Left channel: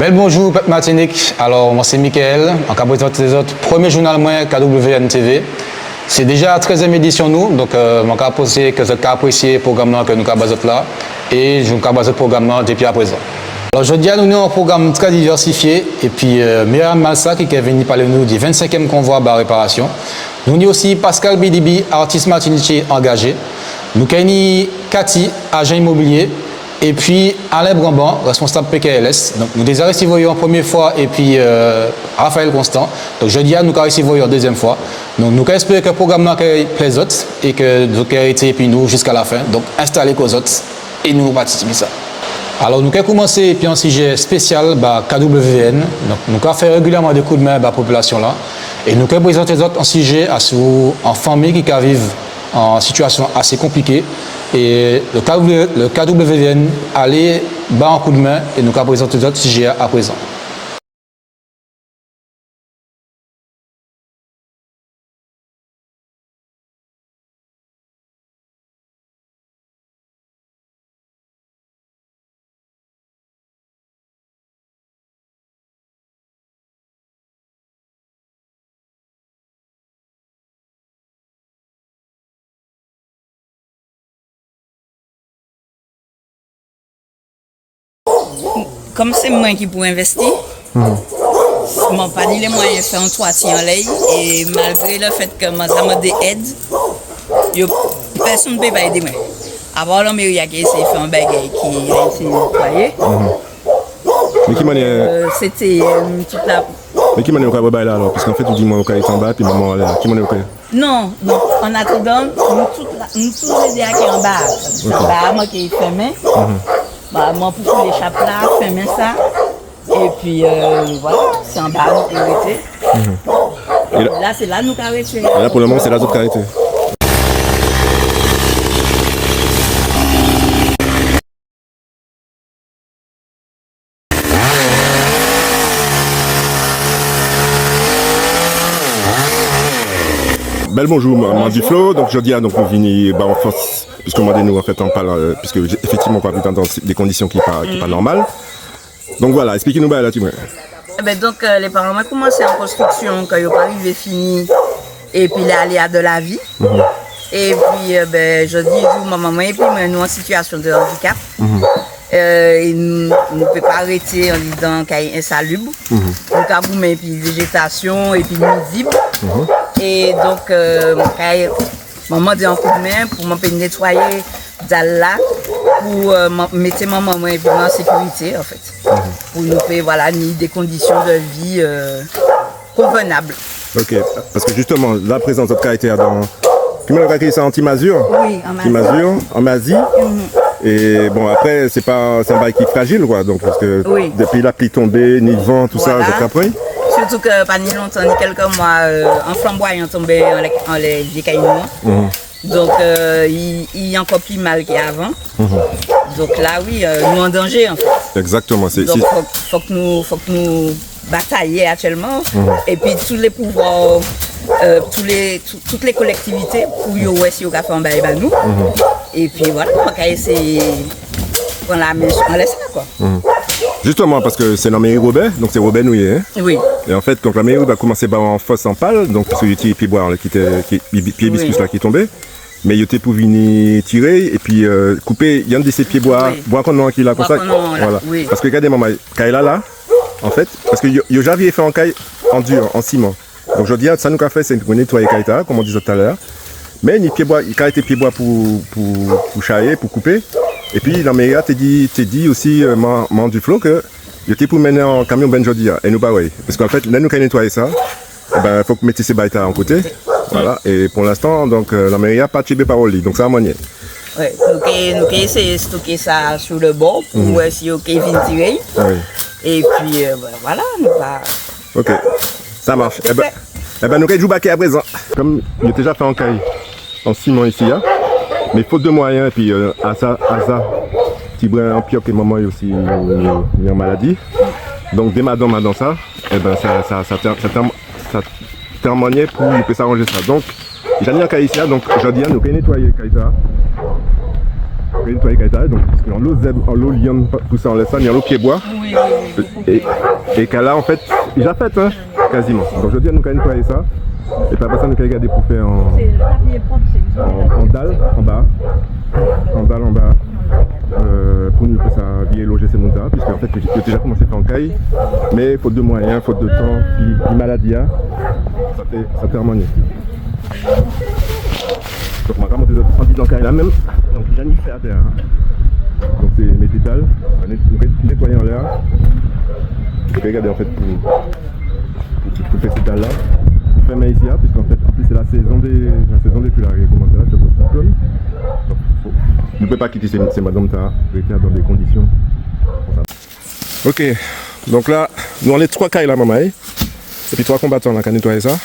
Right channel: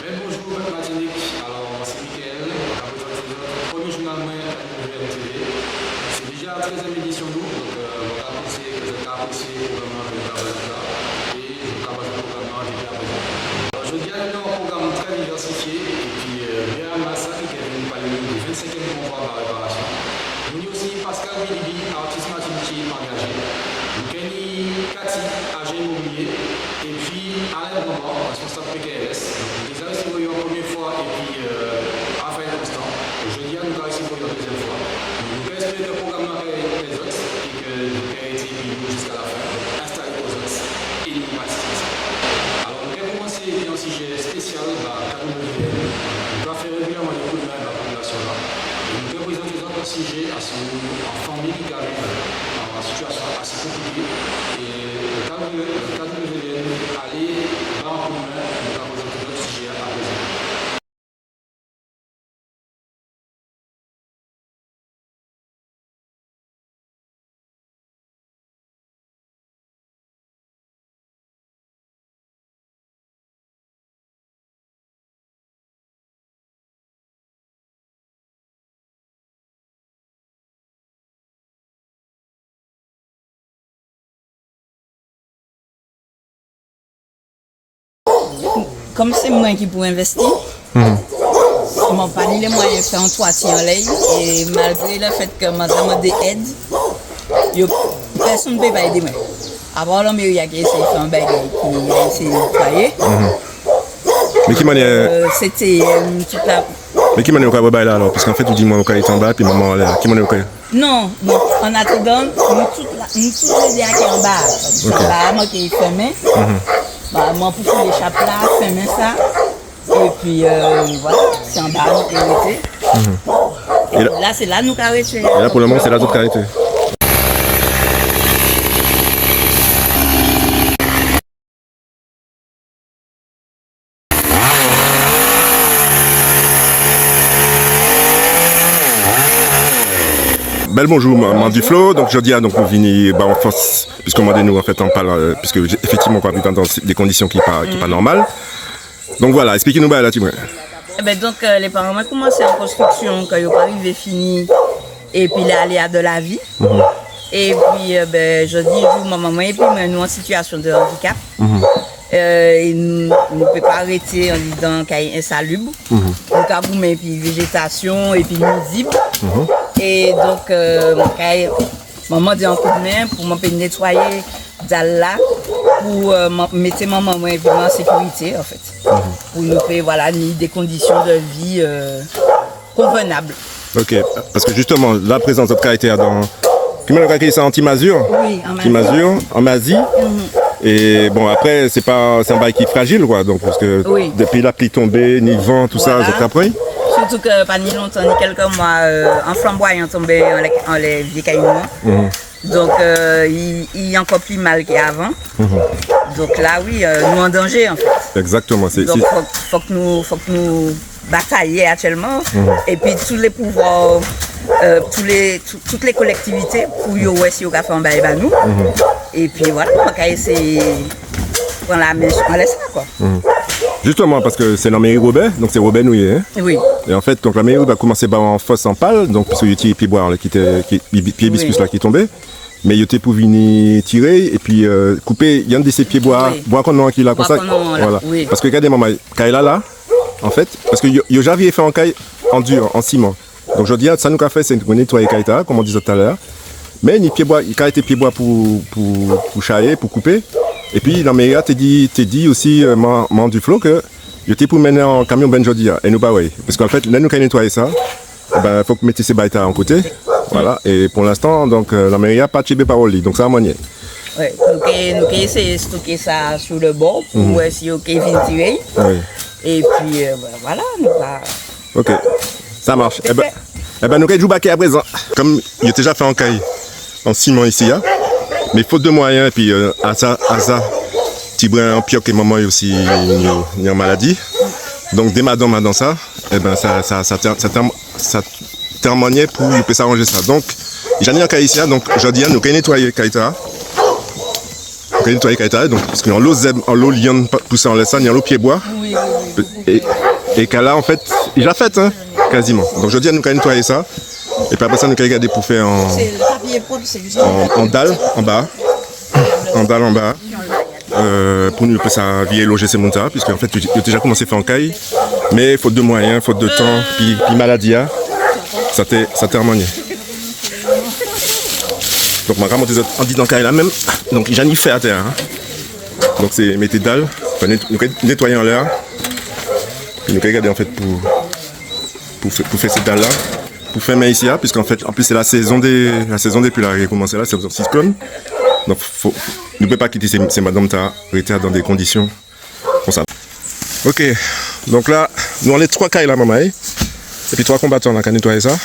Bel bonjour, Peuple Martinique. Alors, moi c'est Michael, en cas présenter les autres, premier journal moins KWN TV. C'est déjà la 13e édition nous, donc je vais poser que vous avez apprécié le programme que nous avons là et je vous ai basé le programme depuis à présent. Alors, je dis à nous avons un programme très diversifié et puis Myriam Malsa qui est venu parler nous du 25e convoi à réparation. Nous avons aussi Pascal Bidibi, artiste martiniquais engagé. Nous avons Cathy, agent immobilier. Et puis Alain Bramban, responsable PKLS. Donc, nous déjà reçu en première fois et puis Raphaël Constant. Donc jeudi, nous avons reçu en deuxième fois. Donc nous espérons que le programme plaît aux autres et que vous avez été puis nous jusqu'à la fin. Donc installez aux autres et nous participons à ça. Alors nous avons commencé puis un sujet spécial KWN. Donc nous avons fait régulièrement des coups de main à la population là. Et nous avons présenté les autres un sujet en famille qui vivent en situation assez compliquée. Et le KWN allait bas en coup de main et nous avons présenté d'autres sujets à présent. Comme c'est moi qui peux investir, je n'ai pas les moyens de faire un toit en l'air. Et malgré le fait que je demande des aides, personne ne peut pas aider moi. Avant, la mairie a essayé de faire un bagage qui a essayé de nettoyer. Mais qui manière c'était toute la... Mais qui manière au bail là alors? Parce qu'en fait, tu dis moi au est en bas, puis maman là. Qui manière au cas? Non, en attendant, nous tous les qui en bas. C'est là, moi qui est fermé. Moi pour faire les chapes là, fermer ça. Et puis voilà, c'est en bas nous arrêté. Là c'est là nous arrêté. Et là pour le moment c'est là toute arrêté. Bel bonjour, moi du Flo. Donc jeudi donc on vient en force puisque moi nous en fait on parle puisque effectivement on parle dans des conditions qui pas normales. Donc voilà, expliquez-nous là tu vois. Donc les parents ont commencé en construction quand ils n'ont pas arrivé fini et puis les aléas de la vie. Et puis je dis vous maman et puis nous en situation de handicap. Et nous ne pouvons pas arrêter en disant qu'il y a insalubre. Donc à vous mais puis végétation et puis nuisible. Et donc, maman dit un coup de main pour m'empêcher de nettoyer là pour mettre maman en sécurité en fait. Pour nous faire voilà, des conditions de vie convenables. Ok, parce que justement, la présence de caractère dans. Tu m'as dit ça en Timazur? Oui, en Mazur. En Mazie. Et bon, après, c'est un bail qui est fragile, quoi. Donc, parce que depuis la pluie tombée, ni le vent, tout ça, j'ai appris. Surtout que pas ni longtemps, ni quelques mois, un flamboyant tombé en les vieux cailloux. Donc il y a encore plus mal qu'avant. Donc là oui, nous en danger en fait. Exactement. Donc faut que nous bataillions actuellement. Et puis tous les pouvoirs, toutes les collectivités pour y avoir si on a fait un bail à nous. Et puis voilà, on va essayer on la met on laisse ça quoi. Justement parce que c'est la mairie Robert, donc c'est Robert Nouillet. Hein? Oui. Et en fait, quand la mairie va commencer en fosse en pâle, donc parce qu'il y a des pieds bois qui hibiscus là qui tombaient, mais il était pour venir tirer et puis couper, il y a un de ces pieds bois qu'on qui là comme ça. Voilà. Oui. Parce que regardez maman, Kaila là, en fait, parce que yo j'avais fait en caille en dur, en ciment. Donc je dis ça nous a fait c'est nettoyer Kaita, comme on disait tout à l'heure. Mais les pieds bois, il a été pieds bois pour charrier, pour couper. Et puis la mairie t'a dit aussi du Flo que j'étais pour mener en camion ben jodi et nous pas ouais parce qu'en fait là nous quand nettoyer ça ben faut que mettre ces baïtas en côté voilà et pour l'instant donc la mairie a pas tiré parole donc ça a manié. Ouais, nous essayer de stocker ça sur le bord pour si OK vient tirer. Et puis voilà, nous pas. OK. Ça marche. Eh ben nous allons jouer à présent. Comme il a déjà fait en caille en ciment ici hein. Mais faute de moyens, et puis Asa, petit brin en pioque et maman aussi il y a une maladie. Donc dès madame dans ça, et ben ça témoignait pour il peut s'arranger ça. Donc j'en ai un cas ici, donc je dis nous allons nettoyer Kaita. quand nettoyer Kaita, donc parce que en l'eau liane poussée en laissant, il y a l'eau pied bois. Et qu'à là en fait, il a fait hein, quasiment. Donc je dis à nous qu'à nettoyer ça. Et puis après ça nous qu'à garder pour faire en dalle en bas. En dalle en bas. Pour nous ça vieille loger ces montants, puisque en fait j'ai déjà commencé à faire en caille. Mais faute de moyens, faute de temps, puis maladie, ça t'est harmonié. Donc ma grand on dit dans caille là même. Donc j'en ai fait à terre. Hein. Donc c'est mettre des dalles, nettoyer en l'air. Puis nous regarder en fait pour faire ces dalles là. Pour faire ici, puisqu'en fait en plus c'est la saison des pluies là qui a commencé là, c'est le cyclone. Donc nous ne pouvons pas quitter ces madames dans des conditions comme ça. Ok, donc là nous on est 3 cailles là maman. Et puis 3 combattants là qui ont nettoyé ça.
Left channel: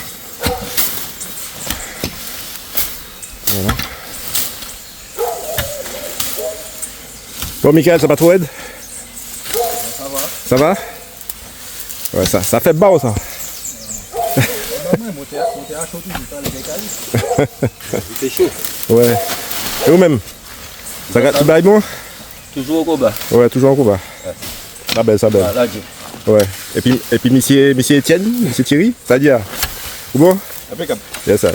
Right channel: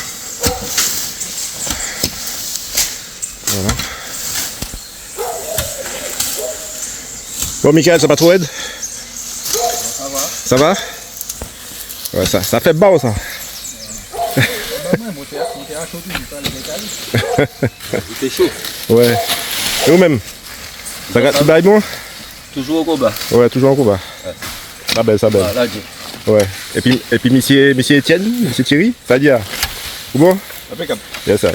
Voilà. Bon Michael, ça va trop aide? Ça va? Ouais, ça fait beau ça. Il fait chaud. Ouais. Et vous-même? Ça va bon? Toujours au combat. Ouais, toujours en combat. Ouais. Ça belle, ça belle. Ah, là, Ouais. Et puis monsieur Étienne, monsieur Thierry, ça dit Ou bon? impeccable. Yes, ça.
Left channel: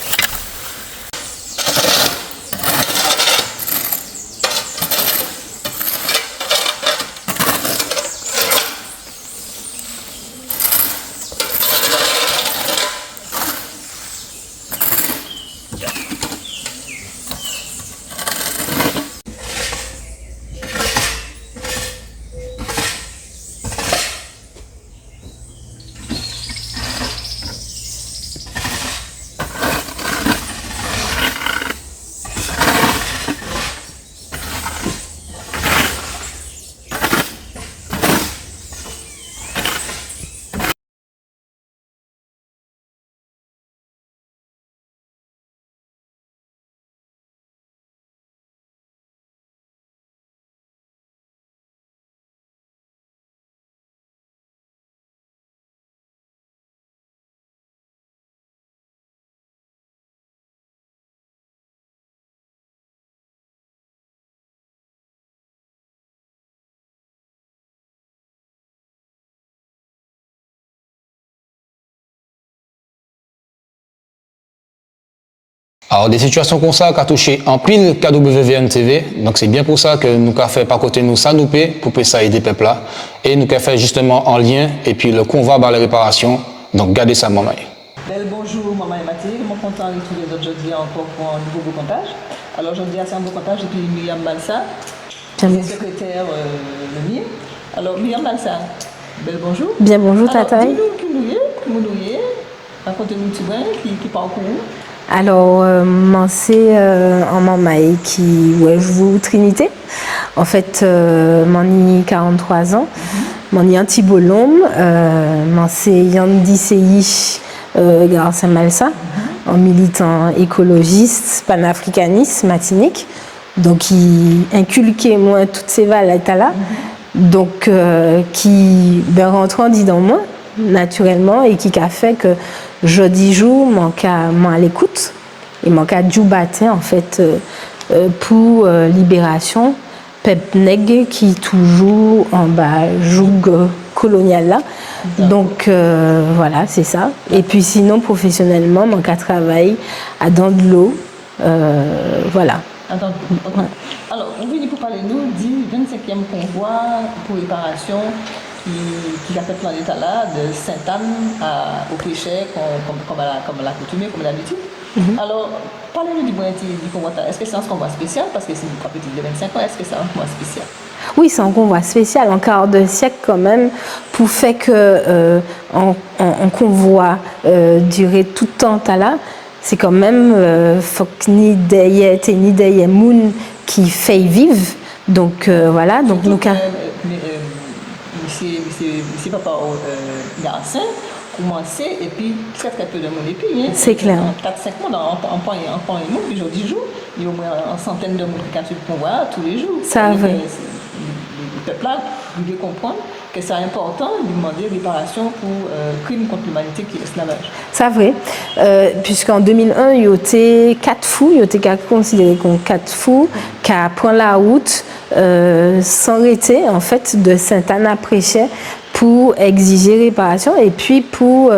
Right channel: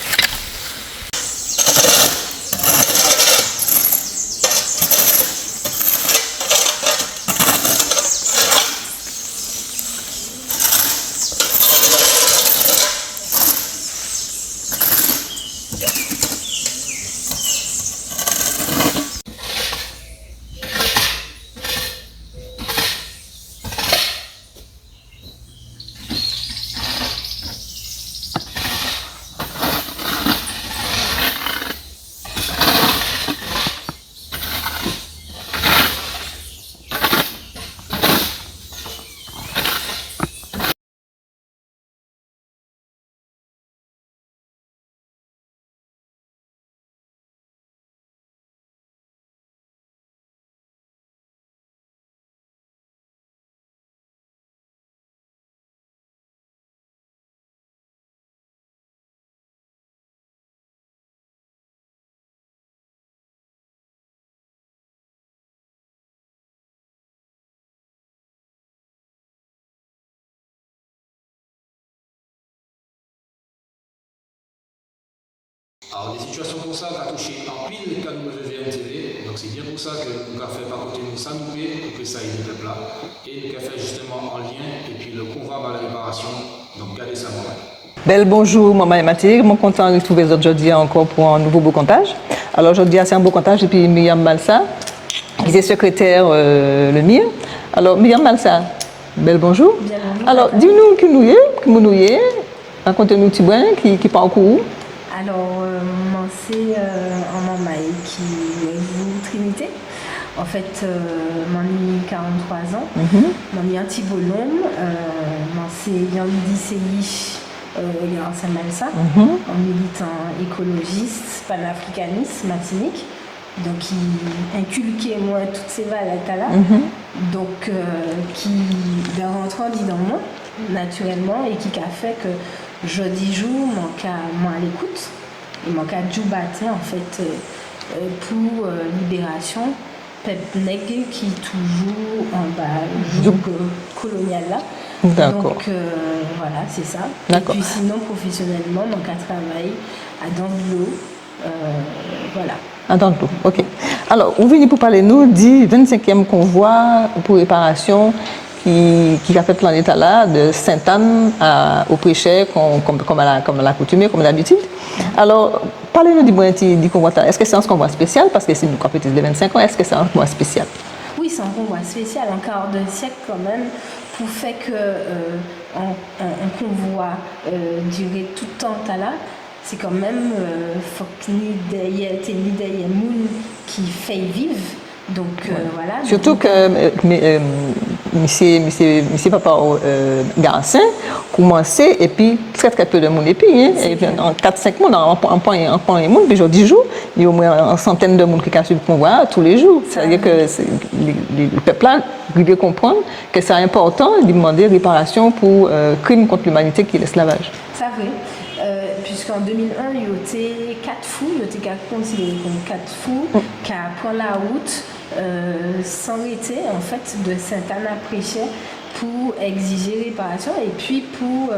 Alors, des situations comme ça qui ont touché en pile KWVN TV, donc c'est bien pour ça que nous avons fait par côté nous ça nous paie pour ça aider peuple là, et nous avons fait justement en lien, et puis le convoi vers la réparation, donc gardez ça maman. Bel bonjour, maman et Mathilde. Je suis content de retrouver aujourd'hui encore pour un nouveau beau comptage. Alors aujourd'hui, c'est un beau comptage depuis Myriam Malsa, qui est secrétaire le MIR. Alors Myriam Malsa, bel bonjour. Bien bonjour, alors, Tata. dis-nous qui nous y est, racontez-nous un petit peu qui parcourt. Alors, c'est en Mamaï qui joue Trinité. En fait, m'en ai 43 ans. M'en ai un petit bolom. C'est Yandi Seyi Garça Malsa, un militant écologiste, panafricaniste, matinique. Donc, il inculquait moi toutes ces valeurs-là. Donc, qui rentrant dans moi, naturellement, et qui a fait que jeudi jour, moi à l'écoute, et mon cas du matin, en fait, pour libération, peuple nègre qui toujours en bas joug colonial là. Donc voilà, c'est ça. Et puis sinon, professionnellement, mon cas travaille à Dandelot, voilà. À Dandelot, ok. Ouais. Alors, vous venez pour parler nous du 25e convoi pour réparation qui a fait planète là, de Sainte-Anne au Préchet, comme à l'accoutumée, comme d'habitude. Alors, parlez-nous du convoi. Est-ce que c'est un convoi spécial? Parce que c'est une compétition de 25 ans, est-ce que c'est un convoi spécial? Oui, c'est un convoi spécial, en quart de siècle quand même, pour faire que un convoi durer tout le temps là. C'est quand même, faut que ni des moun qui fait vivre. Donc voilà. Surtout que monsieur Papa Garcin commençait et puis très peu de monde et puis c'est clair. En 4-5 mois en point et monde puis 10 jours il y a au moins une centaine de monde qui cassent le convoi tous les jours. Ça veut dire que le peuple là arriver à comprendre que c'est important de demander réparation pour crime contre l'humanité qui est l'esclavage. C'est vrai, puisqu'en 2001, il y a eu 4 fous, il y a été considéré comme 4 fous qui prennent la route sans arrêter en fait de Sainte-Anne à Préchet pour exiger réparation et puis pour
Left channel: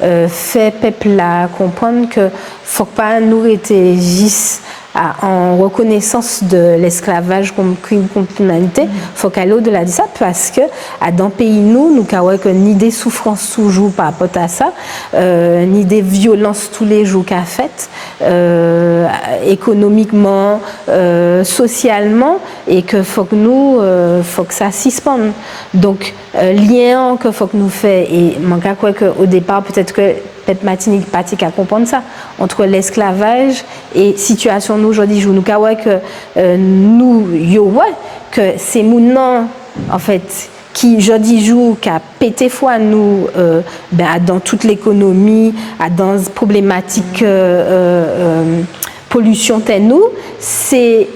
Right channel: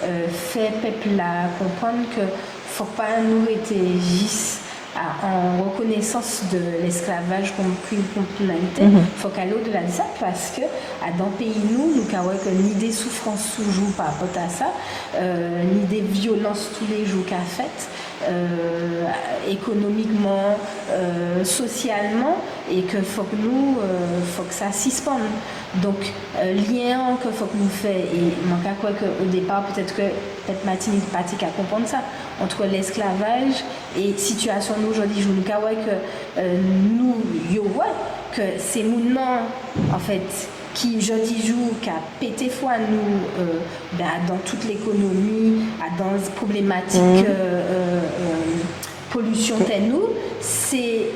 faire peuple là comprendre que faut pas nous arrêter juste en reconnaissance de l'esclavage comme crime contre l'humanité, faut qu'aller au-delà de ça parce que dans le pays nous avons ni des souffrances toujours par rapport à ça, ni des violences tous les jours qu'a faites, économiquement, socialement, et que faut que nous, faut que ça suspende. Donc lien que faut que nous fait et manque à quoi que au départ peut-être que peut-être Martinique pratique à comprendre ça entre l'esclavage et situation nous aujourd'hui nous que nous yo que c'est maintenant en fait qui jeudi jour qui a pété foi nous dans toute l'économie dans problématique pollution t'es nous c'est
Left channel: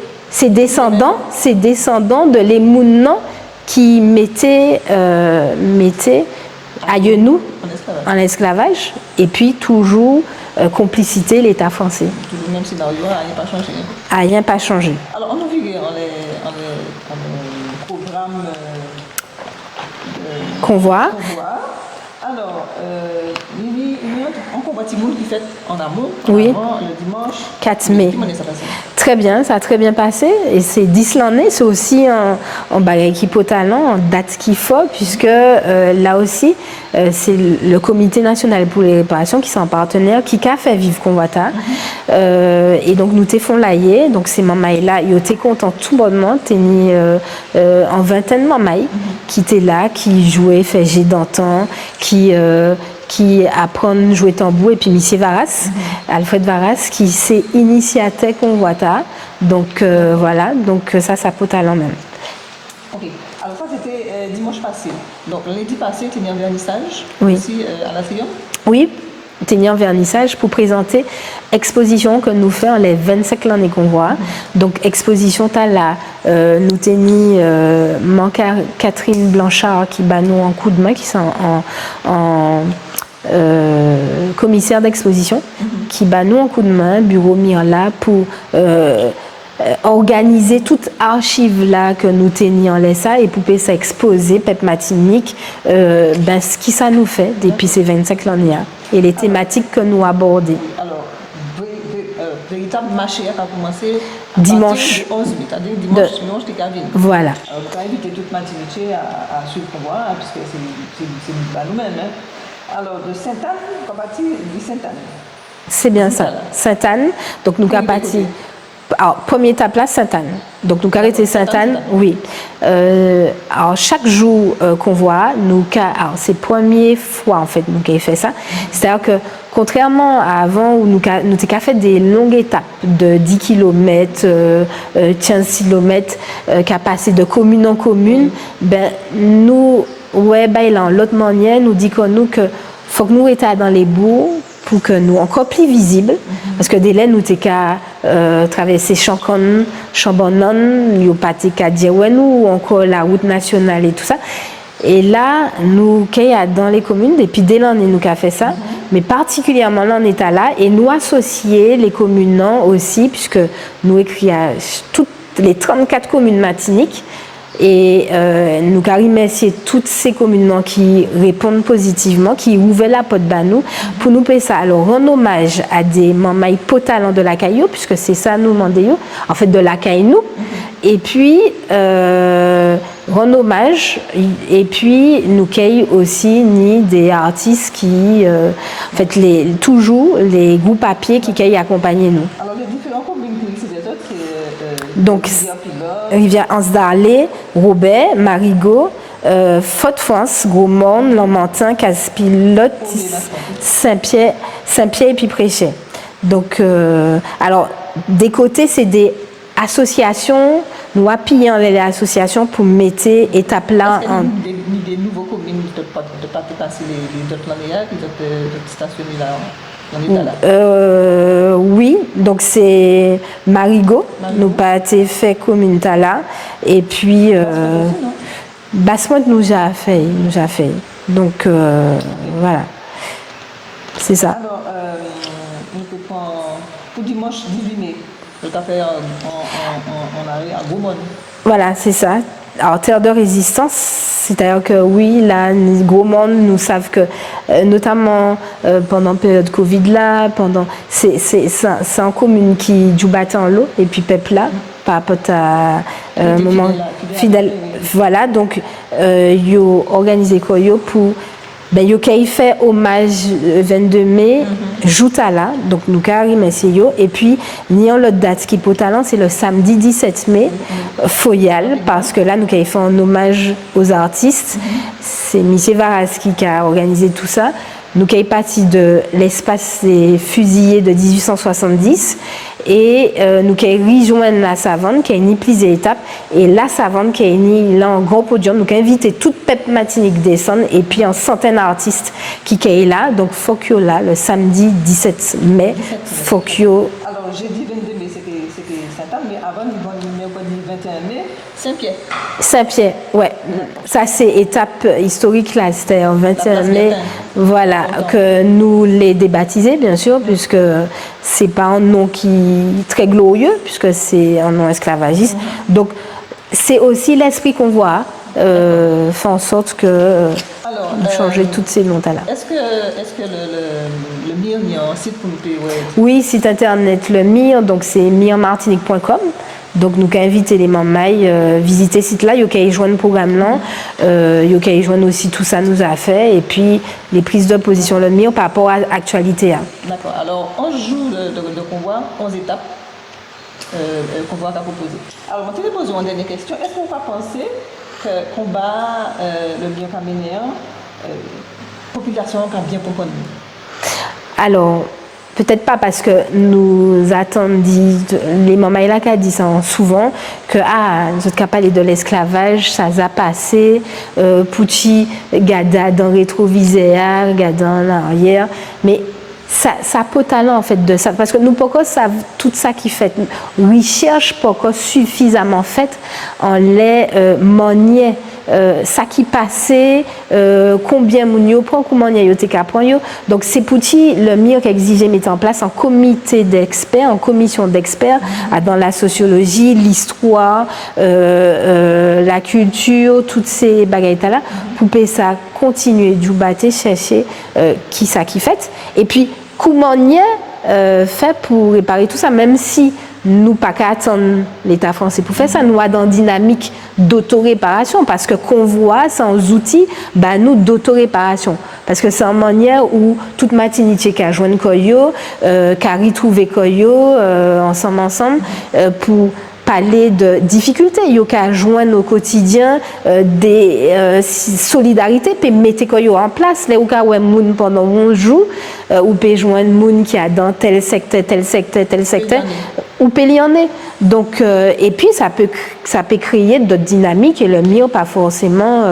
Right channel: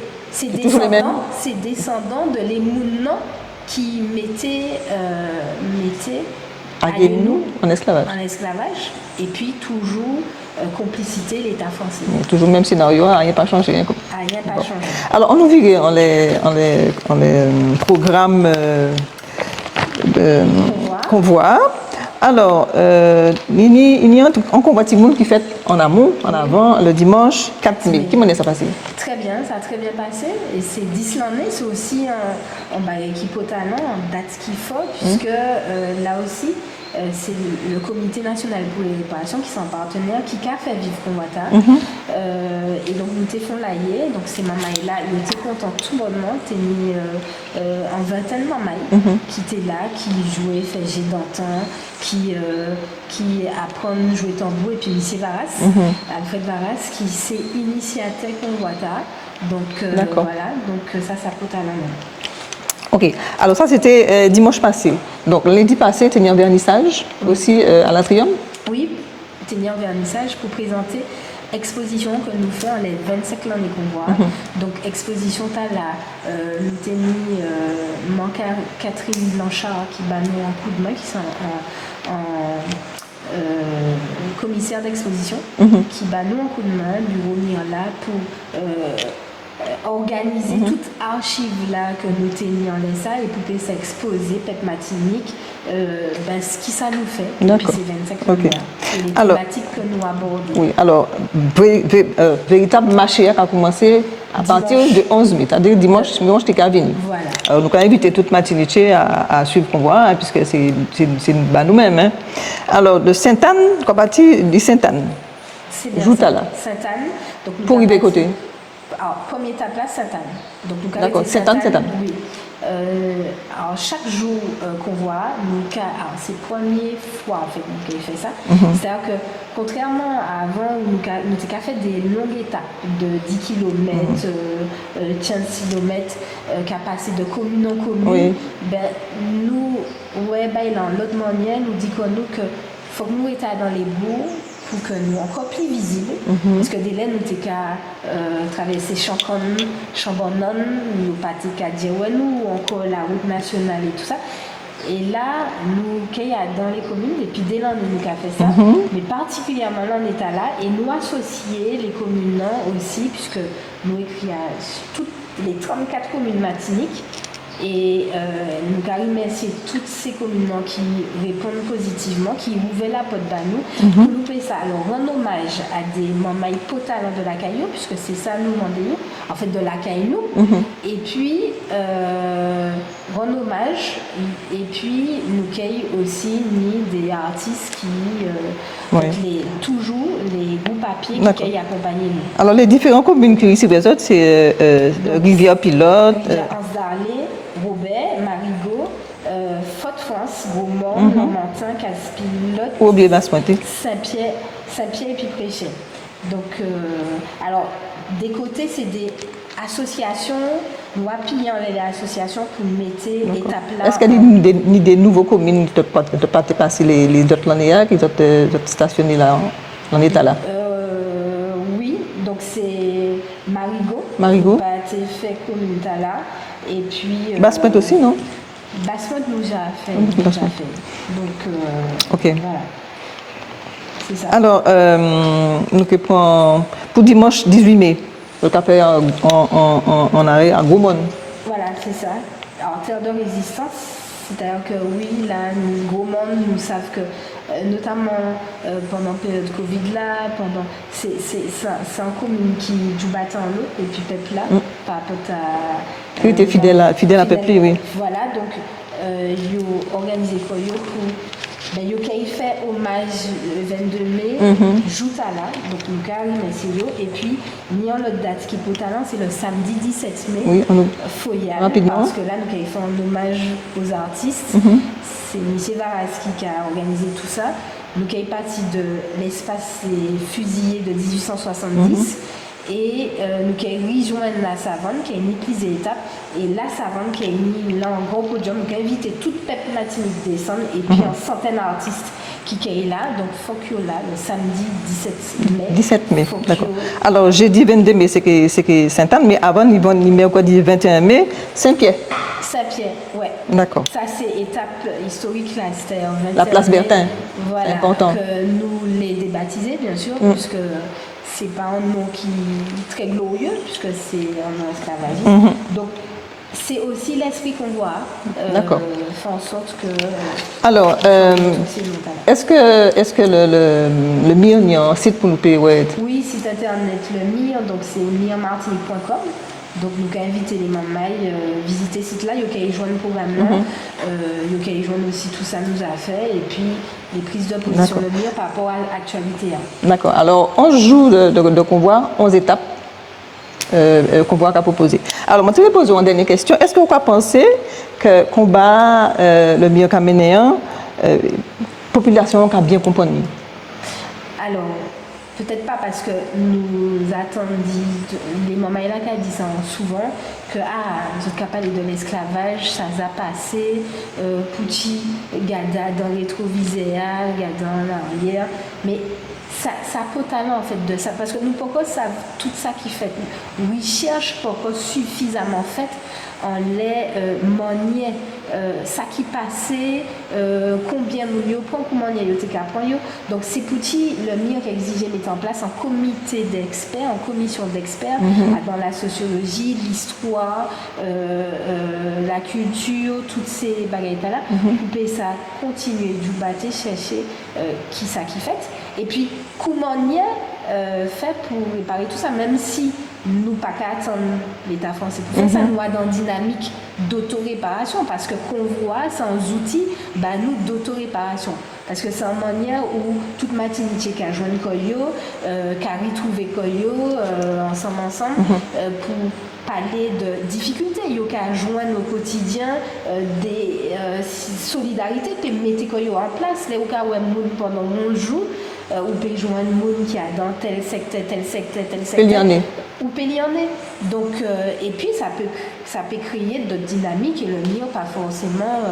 descendants de les mounons qui mettaient à nous en esclavage et puis toujours complicité l'État français. Toujours le même scénario, rien pas changé. Rien pas changé. Alors on nous vit en les programmes convoi. Alors, il y a un convoi de monde qui fait en amont, avant, le dimanche 4 mai. Comment ça passe? Très bien, ça a très bien passé. Et c'est 10 l'année, c'est aussi un bagage qui peut talent, en date qu'il faut, puisque là aussi, c'est le Comité national pour les réparations qui sont un partenaire qui a fait vivre Convoita. Et donc, nous t'es font lailler. Donc, ces mamans-là, ils étaient contents tout bonnement. T'es mis en vingtaine de mamans qui étaient là, qui jouaient, fait jet d'antan, qui apprennent à jouer tambour. Et puis, M. Varas, Alfred Varas, qui s'est initié à Convoita. Donc, voilà. Donc, ça peut talent même. Ok, alors ça c'était dimanche passé. Donc lundi passé, tu as mis un vernissage aussi à l'Atrium? Oui, tu as mis un vernissage pour présenter exposition que nous faisons les 25 l'année qu'on voit. Donc exposition t'as là, nous t'ai mis Catherine Blanchard qui bat nous en coup de main, qui sont en commissaire d'exposition, qui bat nous en coup de main, bureau mis là pour organiser toute archive là que nous tenions en laissa et pour ça exposer Pep Martinique ce qui ça nous fait depuis ces 25 ans là et les thématiques que nous abordons. Oui, alors véritable marché a commencé à partir du 11 mai, c'est-à-dire dimanche t'es qu'à venir. Voilà. Alors nous avons invité toute Martinique à suivre convoi puisque c'est nous-mêmes. Alors de Sainte-Anne, qu'on partit de Sainte-Anne. C'est bien ça. Sainte-Anne. Donc nous avons parti. Alors, première étape là, Sainte-Anne. Donc, nous avons été Sainte-Anne. Oui. Alors, chaque jour qu'on voit, c'est la première fois en fait nous avons fait ça. C'est-à-dire que, contrairement à avant où nous avons fait des longues étapes de 10 km, 15 km, qui a passé de commune en commune, nous, l'autre manière, nous dit que faut que nous étions dans les bourgs pour que nous encore plus visibles parce que dès là nous t'es qu'à traverser Chancon, Chambonon, il y a pas t'es qu'à dire ou encore la route nationale et tout ça et là nous qui dans les communes depuis dès l'année nous qu'a fait ça mais particulièrement là on est là et nous associer les communes aussi puisque nous écrit à toutes les 34 communes Martinique. Et nous remercier toutes ces communes qui répondent positivement, qui ouvrent la porte à nous pour nous payer ça. Alors, rendre hommage à des mamans potalents de la Caillou, puisque c'est ça nous demandons, en fait, de la Caillou. Et puis, rendre hommage, et puis nous cueillons aussi ni des artistes qui, en fait, toujours les groupes papiers qui cueillent accompagner nous. Alors, les différentes communes qui ici présentes, c'est Rivière Pilote, Rivière Anse-d'Arlé, Robert, Marigot, Fort-France, Gros-Morne, Lamentin, Casse-Pilote, Saint-Pierre et puis Préchet. Donc, alors, des côtés, c'est des associations, nous appuyons les associations pour mettre étape là. Est-ce qu'il y a des nouveaux communes qui ne pas passer les autres l'année qui sont stationnés là en état là? Oui, donc c'est Marigot. Nous pas été fait commune là. Et puis. Basse-Pointe aussi, non? Basse-Pointe nous a fait. Donc, voilà. C'est ça. Alors, nous prenons pour dimanche 18 mai, le café en arrêt à Gaumont. Voilà, c'est ça. Alors, terre de résistance, c'est-à-dire que oui, là, les gros monde nous savent que, notamment pendant la période Covid là, c'est un commune qui joue battre en l'eau et puis peuple là, par rapport à fidèle à peuple, oui. Voilà, donc ils ont organisé quoi pour yo fait hommage le 22 mai, jouta là, donc nous merci yo et puis ni en l'autre date qui pour talent c'est le samedi 17 mai Foyal rapidement. parce que là nous fait un hommage aux artistes. C'est Michel Varas qui a organisé tout ça. Nous sommes partis de l'espace des fusillés de 1870 et nous avons rejoint la Savane qui a une plusieurs étapes et la Savane qui a une là en grand podium. Nous avons invité toute Pep Martinique descendre et puis une centaine d'artistes qui sont là. Donc Fokio là le samedi 17 mai. 17 mai. Fokio. Alors jeudi 22 mai c'est que Sainte-Anne, mais avant ils vont mercredi 21 mai Saint-Pierre. Saint-Pierre, ouais. D'accord. Ça c'est étape historique là, c'était en 21 place mai. Bertin. Voilà, Important. que nous les débaptisés bien sûr, puisque c'est pas un nom qui est très glorieux, puisque c'est un nom esclavagiste. Donc c'est aussi l'esprit qu'on voit, fait en sorte que Alors, changer toutes ces noms-là. Est-ce que le MIR il y a un site pour nous payer? Ouais. Oui, site internet le MIR, donc c'est mirmartinique.com. Donc nous avons invité les membres visiter ce site-là, ils ont joindre le programme là, ils ont joindre aussi tout ça nous a fait et puis les prises de position le MIR par rapport à l'actualité. D'accord. Alors 11 jours de convoi, 11 étapes convoi qu'a proposé. Alors moi je vais poser une dernière question. Est-ce que vous pensez que combat le MIR caménéen, population qui a bien compris? Alors peut-être pas parce que nous attendons, les mamans là qui dit ça souvent, que nous autres parlé de l'esclavage, ça a passé, Pouchi, gada dans le rétroviseur, gada en arrière, mais ça peut talent en fait de ça, parce que nous pourquoi savent tout ça qui fait, recherche pourquoi suffisamment faite en les manier. Ça qui passait, combien moun prend, comment y a yoté prend yo. Donc c'est pour le MIR qui exigé mettre en place un comité d'experts, une commission d'experts dans la sociologie, l'histoire, la culture, toutes ces bagailles là, pour que ça continuer du battre, chercher qui ça qui fait. Et puis comment y fait pour réparer tout ça, même si nous pas qu'à attendre l'État français pour faire ça, nous avons dans dynamique d'autoréparation parce que convoi sans outils, nous d'autoréparation. Parce que c'est une manière où toute Martinique qui a joint Koyo, qui a retrouvé Koyo ensemble, pour parler de difficultés, il y a joindre au quotidien des solidarités, puis mettre Koyo en place. Là où il y a moun pendant 11 jours, ou peut joindre moun qui a dans tel secteur, ou peut y en est. Donc, et puis ça peut créer d'autres dynamiques et le mieux pas forcément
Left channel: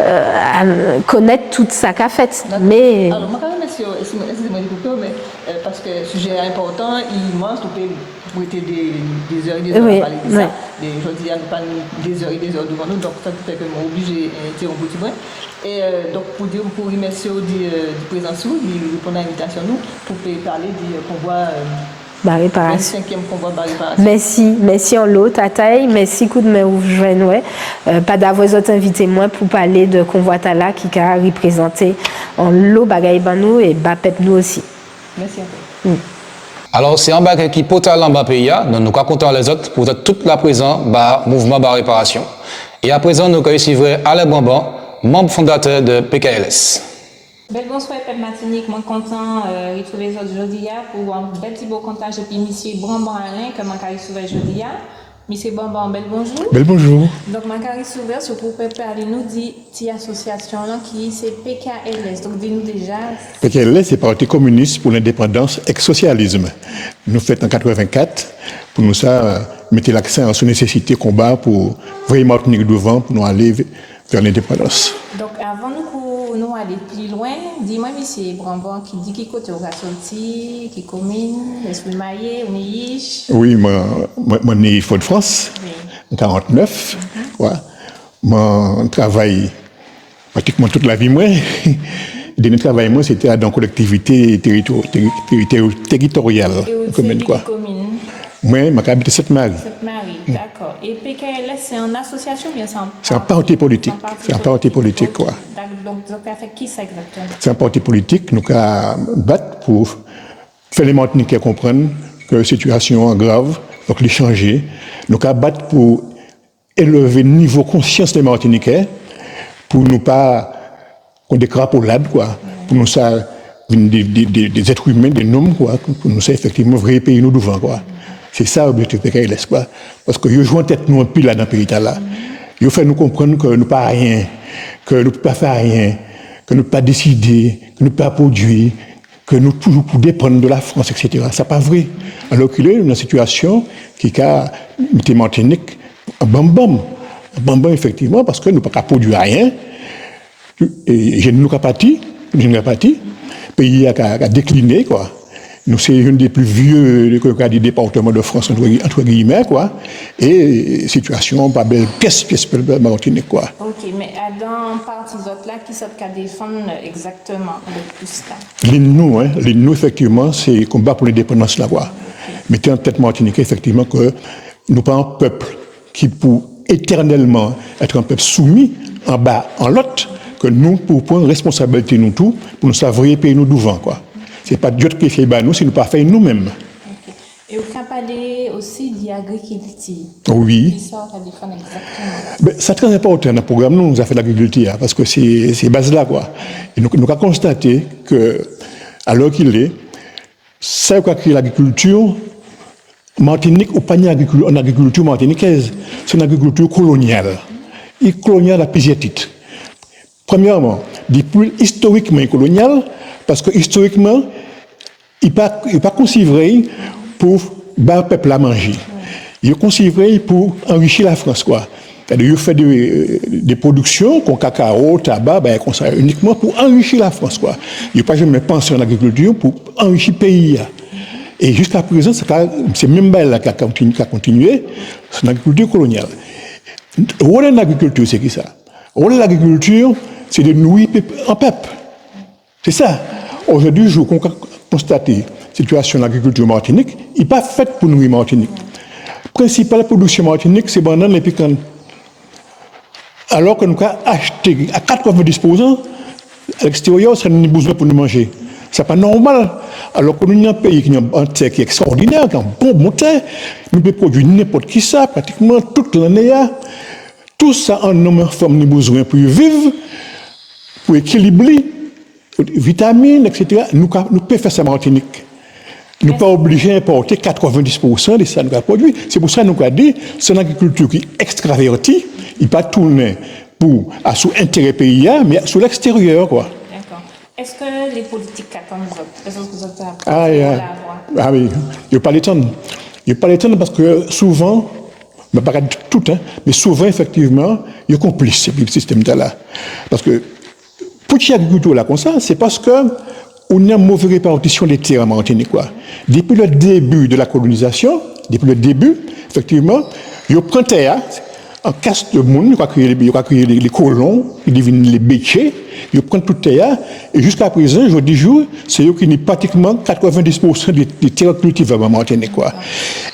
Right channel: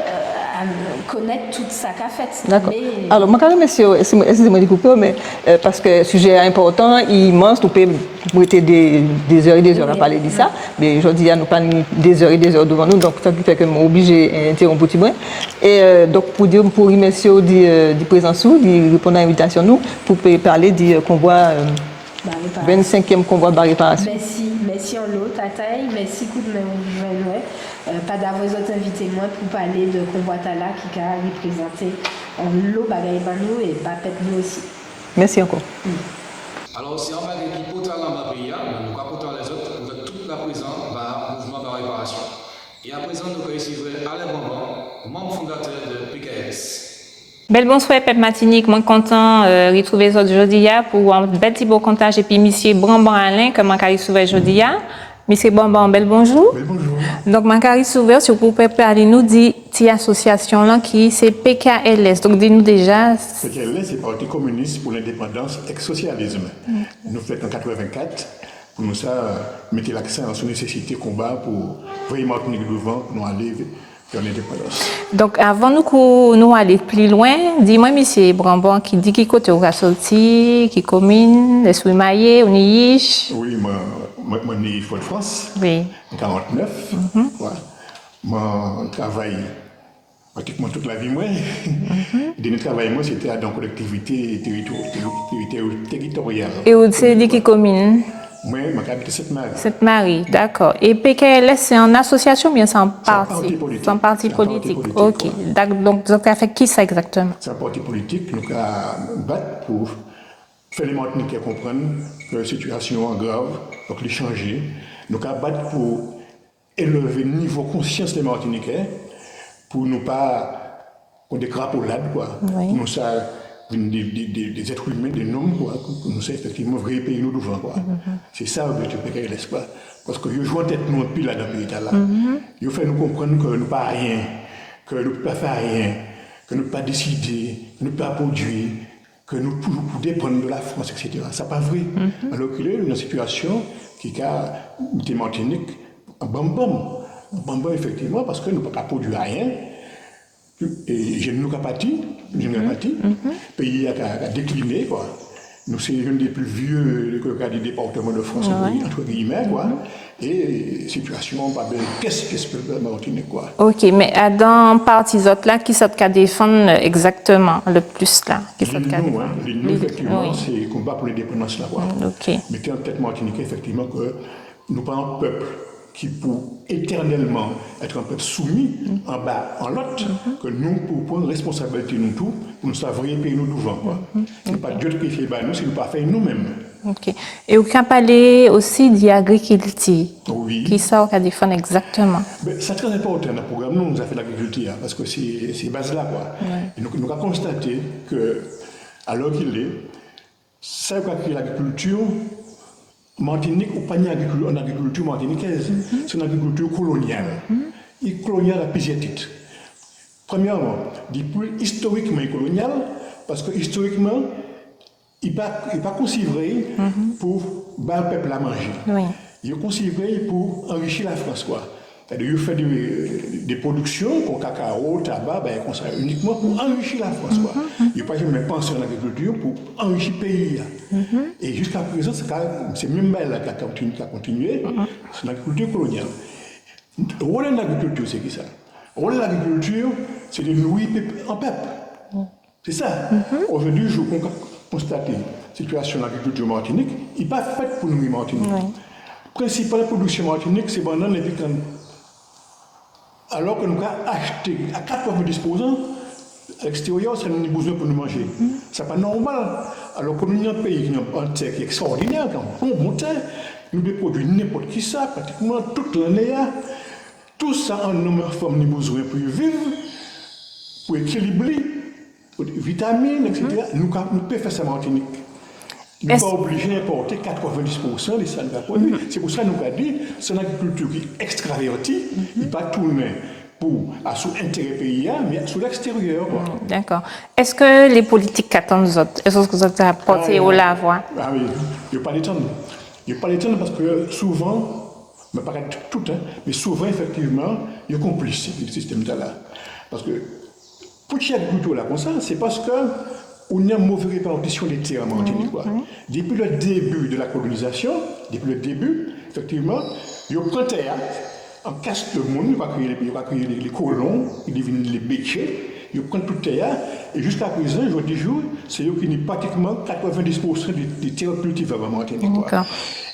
à connaître toute sa cafette. Mais alors moi quand même excusez-moi de couper, mais parce que le sujet est important, immense, nous pouvons mettre des heures et des heures à parler de ça. Mais aujourd'hui nous pas des heures et des heures devant nous, donc ça fait que je obligé d'interrompre un petit peu. Et donc pour remercier du présent sous, de répondre à l'invitation nous pour parler du convoi 25e convoi de réparation. Merci en l'eau, Tataï, merci coup de main ou joindre. Pas d'avoir autres invités moi pour parler de convoi Tala qui a représenté en l'eau bagaille banou et bapep nous aussi. Merci encore. Alors c'est un bagage qui peut aller en bas pays, donc nous sommes contents les autres pour toute la présence mouvement de réparation. Et à présent nous recevons Alain Bamban, membre fondateur de PKLS. Bel bonsoir, Pep Martinique. Moi, content de retrouver les autres aujourd'hui pour un petit beau comptage. Et puis, monsieur Bamban Alain, que je suis souvent aujourd'hui. Monsieur Bamban, bel bonjour. Bel bonjour. Donc, je suis souvent sur pour parler nous de cette association-là qui c'est PKLS. Donc, dis-nous déjà. PKLS, c'est Parti communiste pour l'indépendance ex-socialisme. Nous faisons en 1984. Pour nous, ça, mettre l'accent sur la nécessité de combat pour vraiment Martinique devant, pour nous aller vers l'indépendance. Donc, avant nous aller plus loin, dis-moi, monsieur Bamban, qui dit qui côté on va sortir, qui commune, les maillé, on y Oui, moi, né Fort-de-France, oui. en 1949. Ouais. Mon travail, pratiquement toute la vie, moi, le dernier travail, moi, c'était dans la collectivité territoriale. Et où c'est qui commune? Moi, je habite Sainte-Marie. Sainte-Marie, d'accord. Et PKLS, c'est en association ou bien c'est en parti? C'est un parti politique. C'est un parti politique, quoi. Donc, ça fait qui ça exactement? C'est un parti politique. Nous avons battre pour faire les Martiniquais comprendre que la situation est grave, donc les changer. Nous avons battre pour élever le niveau de conscience des Martiniquais, pour ne pas qu'on des crapaudes, quoi. Oui. Pour nous ça des êtres humains, des hommes, quoi, pour nous ça effectivement vrai pays nous devant, quoi. C'est ça l'objectif de PKLS, quoi. Parce que ils jouent en tête nous un pile là dans le pays là. Ils font nous comprendre que nous pas rien, que nous ne pouvons pas faire rien, que nous ne pouvons pas décider, que nous ne pouvons pas produire, que nous toujours pour dépendre de la France, etc. C'est pas vrai. Alors qu'il est dans une situation qui a été Martinique un bambam, effectivement, parce que nous ne pouvons pas produire rien. Et j'ai nous parti, le pays a décliné, quoi. Nous, c'est une des plus vieux des départements de France, entre guillemets, quoi. Et situation, pas belle, pièce Martinique, quoi. Ok, mais dans parties autres là, qui sont qu'à défendre exactement le plus là? Nous, effectivement, c'est le combat pour l'indépendance, là, quoi. Okay. Mettez en tête Martinique, effectivement, que nous pas un peuple qui, pour éternellement être un peuple soumis en bas, en l'autre, que nous, pour prendre responsabilité, nous tous, pour nous savoir payer nous devant, quoi. C'est pas Dieu qui fait nous, c'est nous pas faire nous-mêmes. Ok. Et vous avez parlé aussi d'agriculture. Oui. Qui ça, on défendre exactement? C'est très important dans le programme, nous avons fait l'agriculture, parce que c'est base là, quoi. Et nous avons constaté que, alors qu'il est, ça qui a créé l'agriculture, Martinique, ou pas en agriculture martiniquaise, c'est une agriculture coloniale. Et coloniale à plusieurs titres. Premièrement, depuis historiquement colonial, parce que historiquement, il n'est pas considéré pour le peuple à manger. Oui. Il est considéré pour enrichir la France, quoi. C'est-à-dire, il fait des productions, comme cacao, tabac, uniquement pour enrichir la France, quoi. Il n'a pas jamais pensé en agriculture pour enrichir le pays. Et jusqu'à présent, c'est même là qui a continué, c'est une agriculture coloniale. Le rôle de l'agriculture, c'est qui ça? Le rôle de l'agriculture, c'est de nourrir un peuple. C'est ça. Aujourd'hui, je constate la situation de l'agriculture martinique, il n'est pas fait pour nourrir Martinique. La principale production martinique, c'est banane et piquant. Alors que nous avons acheté à 90%, à l'extérieur, ça n'a pas besoin pour nous manger. Ce n'est pas normal. Alors que nous avons un pays qui a un terre qui est extraordinaire, qui a un bon terre, nous pouvons produire n'importe qui ça, pratiquement toute l'année. Tout ça en homme et femme, nous avons besoin pour vivre, pour équilibrer, vitamines, etc. Nous pouvons faire ça en Martinique. Nous ne sommes pas obligés d'importer 90% de ça que nous avons produit. C'est pour ça que nous avons dit que c'est une agriculture qui est extravertie, il ne pas tourner sous intérêt pays, mais sur l'extérieur. D'accord. Est-ce que les politiques attendent les autres? Est-ce que vous avez apporté au lavoir? Ah oui, il n'y a pas le temps. Il n'y a pas le temps parce que souvent, mais pas tout, mais souvent, effectivement, il y a complice avec le système de là. Parce que pour qu'il y ait agriculture là comme ça, c'est parce que on a une mauvaise répartition des terres en Martinique. Depuis le début de la colonisation, effectivement, il y a pris terre, en casse de monde, il y a créé les colons, ils deviennent les béchés, ils prennent toute terre, et jusqu'à présent, je dis c'est eux qui ont pratiquement 90% des terres cultivables en Martinique.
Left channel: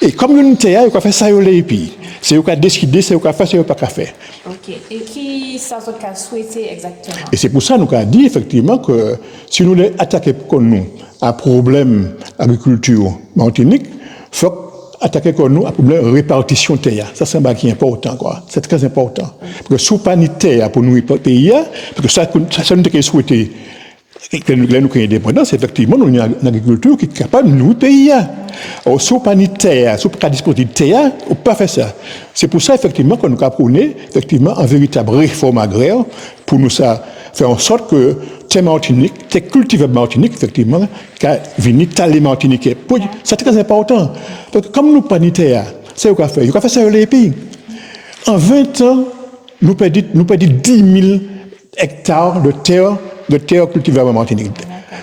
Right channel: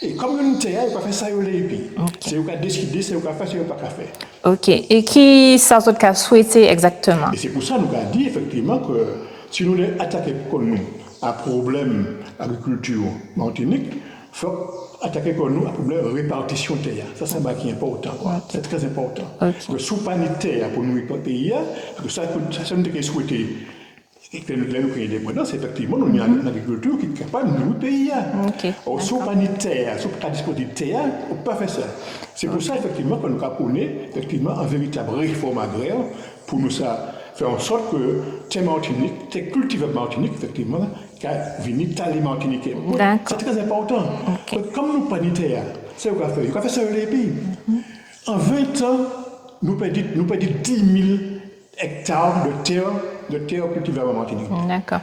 Et comme il y a une terre, il y a fait ça, et puis c'est eux qui ont décidé, c'est eux qui ont fait, c'est eux qui ont fait. Ok. Et qui ça a souhaité exactement? Et c'est pour ça que nous avons dit effectivement que si nous voulons attaquer comme nous un problème agriculture Martinique, il faut attaquer comme nous un problème de répartition de terre. Ça, c'est un qui est important, quoi. C'est très important. Okay. Parce que sous pas de terre pour nous pays, parce que ça nous avons souhaité que nous ayons indépendance, effectivement, nous avons une agriculture qui est capable de nous payer. Okay. Sous pas de terre, sous pas disposer de terre, on ne peut pas faire ça. C'est pour ça, effectivement, que nous avons prôné, effectivement, une véritable réforme agraire pour nous faire en sorte que tes Martinique, tes cultivables Martinique, effectivement, qui viennent taler Martinique. C'est très important. Okay. Donc, comme nous pas de terre, c'est ce qu'on fait. Il faut faire ça dans les pays. En 20 ans, nous perdons 10 000 hectares de terre cultivable en Martinique.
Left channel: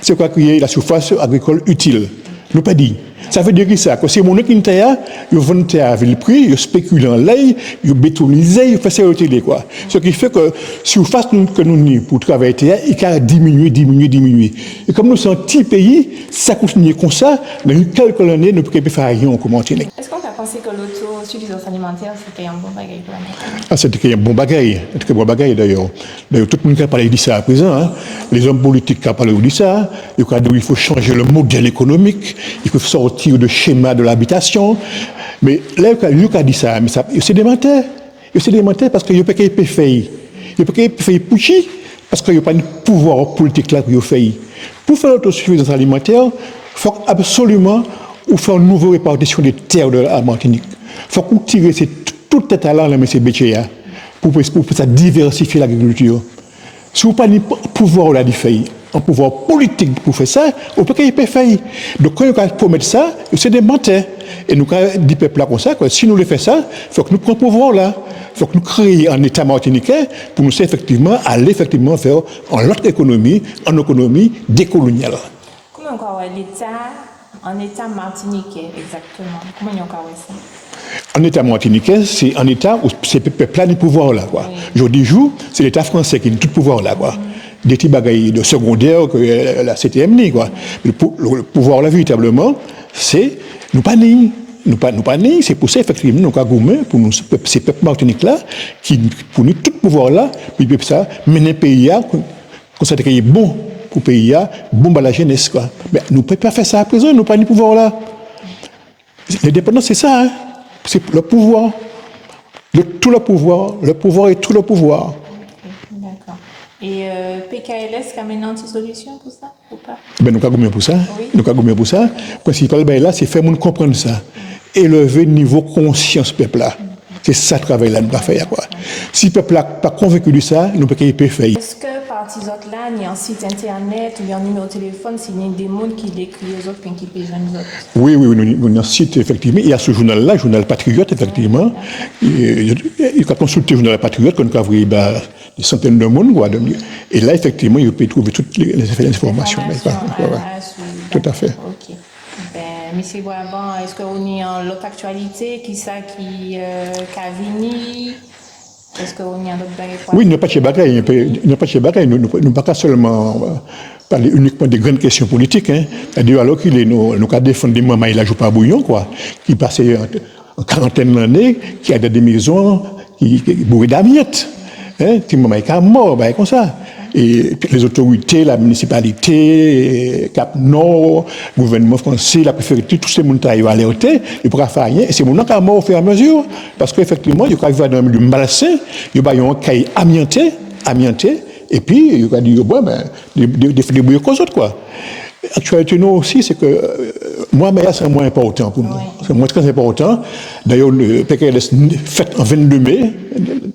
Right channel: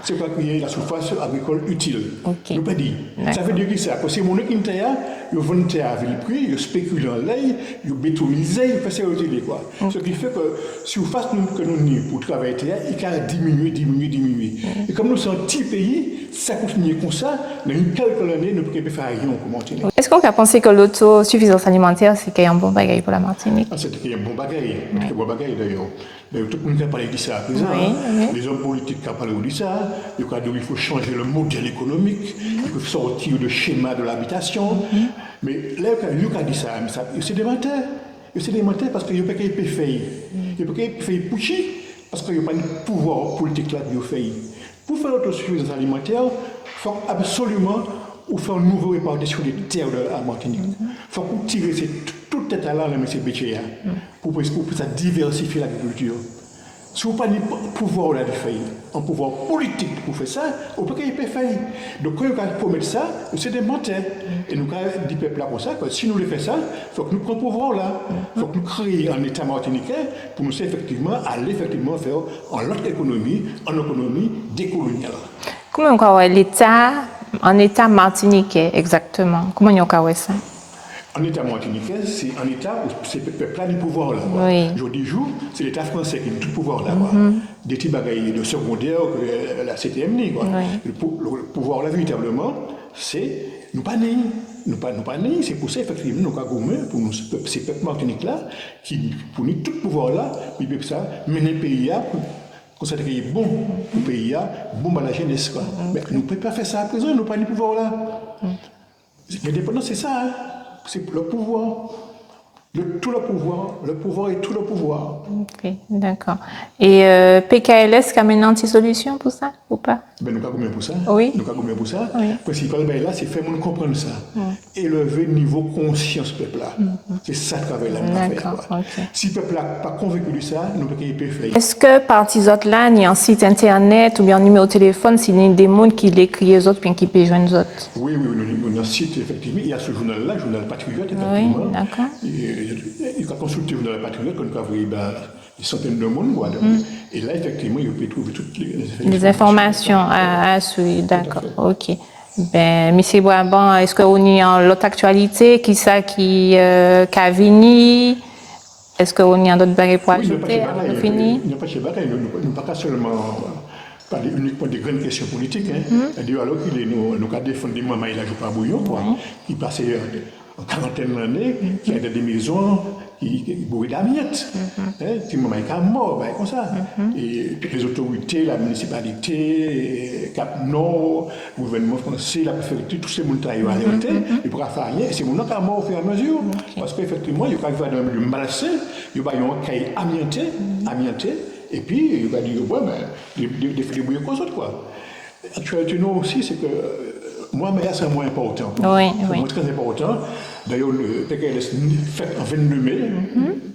C'est quoi créer la surface agricole utile. Nous pas dit. Ça veut dire ça, que c'est mon qui terre, ils vendent terre à vil prix, ils spéculent en l'ail, ils bétonisent, ils font ça au télé, quoi. Ce qui fait que si vous faites que nous pour travailler terre, il va diminuer. Et comme nous sommes un petit pays, ça continue comme ça, dans quelques années, nous ne pouvons pas faire rien en Martinique. Est-ce qu'on a pensé que l'autosuffisance alimentaire, c'est un bon bagage pour la Martinique? C'était un bon bagage, d'ailleurs. Tout le monde a parlé de ça à présent. Hein. Les hommes politiques ont parlé de ça. Il faut changer le modèle économique, il faut sortir du schéma de l'habitation. Mais là, il a dit ça, mais c'est des menteurs. C'est des menteurs parce qu'il n'y a pas qu'à faire. Il n'y a pas qu'à faire pushy parce qu'il n'y a pas de pouvoir politique là pour faire. Pour faire l'autosuffisance alimentaire, il faut absolument faire une nouvelle répartition des terres de la Martinique. Il faut qu'on tire tout le talent là, M. Béchéa, pour ça diversifier l'agriculture. Si vous n'avez pas de pouvoir là, un pouvoir politique pour faire ça, on peut pas faire. Donc quand on promet ça, c'est des menteurs. Et nous dit peuple là comme ça, que si nous le faisons ça, il faut que nous prenions pouvoir là. Il faut que nous créions un État martiniquais pour nous effectivement aller effectivement faire en l'autre économie, en économie décoloniale. Comment on voit l'État, un État martiniquais exactement? Comment on voit ça? Un État martiniquais, c'est un État où c'est le peuple là du pouvoir là. Oui. Jour c'est l'État français qui a tout le pouvoir là. Des petits bagailles de secondaire que la CTM ni quoi. Oui. Le pouvoir là véritablement, c'est nous pas ni. C'est pour ça effectivement nous avons pour nous ces peuples martiniques là qui pour nous tout pouvoir là puis ça mener pays à constater qu'il est bon pour pays à bon pour la jeunesse quoi. Mais nous ne pouvons pas faire ça à présent, nous pas ni pouvoir là. L'indépendance c'est ça hein? C'est le pouvoir. Tout le pouvoir et tout le pouvoir. Ok, d'accord. Et PKLS qui amène une anti-solution pour ça ou pas? Ben, nous avons gommé pour ça. Oui. Nous avons gommé pour ça. Oui. Principal, ben, là, c'est faire nous comprendre ça. Élever le niveau conscience peuple là. C'est ça le travail là, nous va faire. Quoi. Okay. Si le peuple n'est pas convaincu de ça, nous ne pouvons pas faire. Est-ce que par ces autres là, il y a un site internet ou bien un numéro de téléphone, s'il y a des gens qui l'écrivent les autres, puis qui peuvent joindre les autres? Oui, nous avons un site, effectivement. Il y a ce journal-là, le journal Patriote, effectivement. Oui, il faut consulter le journal Patriote, qu'on a vu des centaines de monde. Quoi, et là, effectivement, il peut trouver toutes les informations à suivre. Tout à fait. OK. Ben, M. Brabant, est-ce qu'on y a l'autre actualité qui a venu? Est-ce qu'on y a d'autres bagages pour Oui, il n'y a pas de bagaille. Il n'y a pas de bagaille. Nous ne pas seulement parler uniquement des grandes questions politiques. Hein. C'est-à-dire, alors qu'il est, nous avons défendu des mamans, il a joué pas bouillon, quoi. Qui passait en quarantaine d'années, qui a des maisons, qui bourrées d'amiettes. Qui maman est mort, comme ça. Et puis les autorités, la municipalité, Cap Nord, le gouvernement français, la préfecture, tous ces gens qui ont alerté, ils ne pourraient faire rien. Et c'est mon qui est mort au fur et à mesure. Parce qu'effectivement, ils arrivent dans le milieu malsain, ils ont un cahier amianté, et puis ils ont dit, bon, ben, des bouillons qu'aux autres, quoi. Actualité, nous aussi, c'est que moi, mais là, c'est moins important pour moi. C'est moins très important. D'ailleurs, le PKLS fait en 22 mai,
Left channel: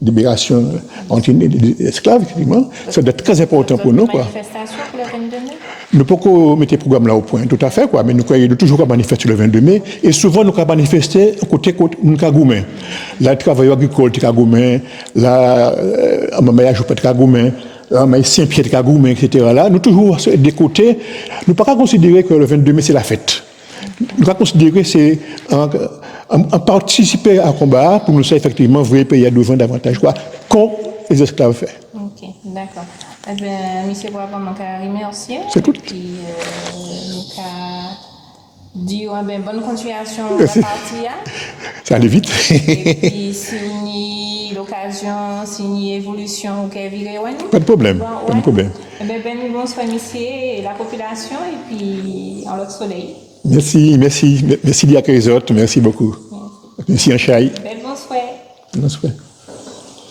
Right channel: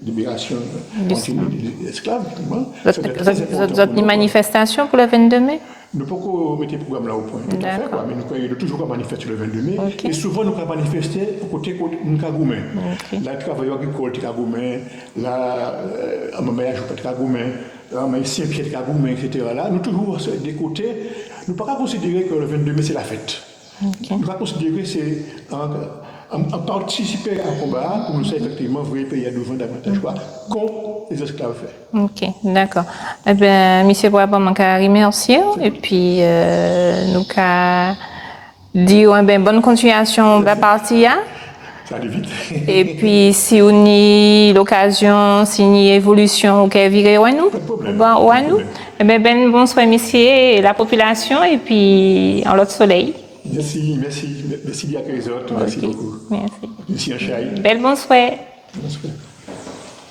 libération des esclaves, effectivement. C'est très important pour nous. Une manifestation pour le 22 mai? Nous pouvons mettre le programme là au point, tout à fait, quoi. Mais nous avons toujours manifester le 22 mai. Okay. Et souvent, nous avons manifesté côté nous Kagoumen. Là, le travail agricole de Kagoumen, là, en Mamaya, je peux être Kagoumen. Saint-Pierre de Kagoumen, etc. Là, nous toujours des côtés, nous ne pouvons pas considérer que le 22 mai c'est la fête. Okay. Nous pouvons considérer que c'est un participer à un combat pour nous faire effectivement vrai pays à devant davantage quoi, contre les esclaves faits. Ok, d'accord. Eh bien, M. Brabant, je vous remercie. Et puis, nous dire une bonne continuation de la partie. Ça allait vite. Et puis, si on a l'occasion, si on a une évolution, ok, virez nous. Pas de problème. Bon, pas de problème. Eh bien, bonsoir, messieurs, et la population, et puis, en l'autre soleil. Merci Lia Kézot, merci beaucoup. Merci Anchaï. Belle bonsoir. Bonsoir.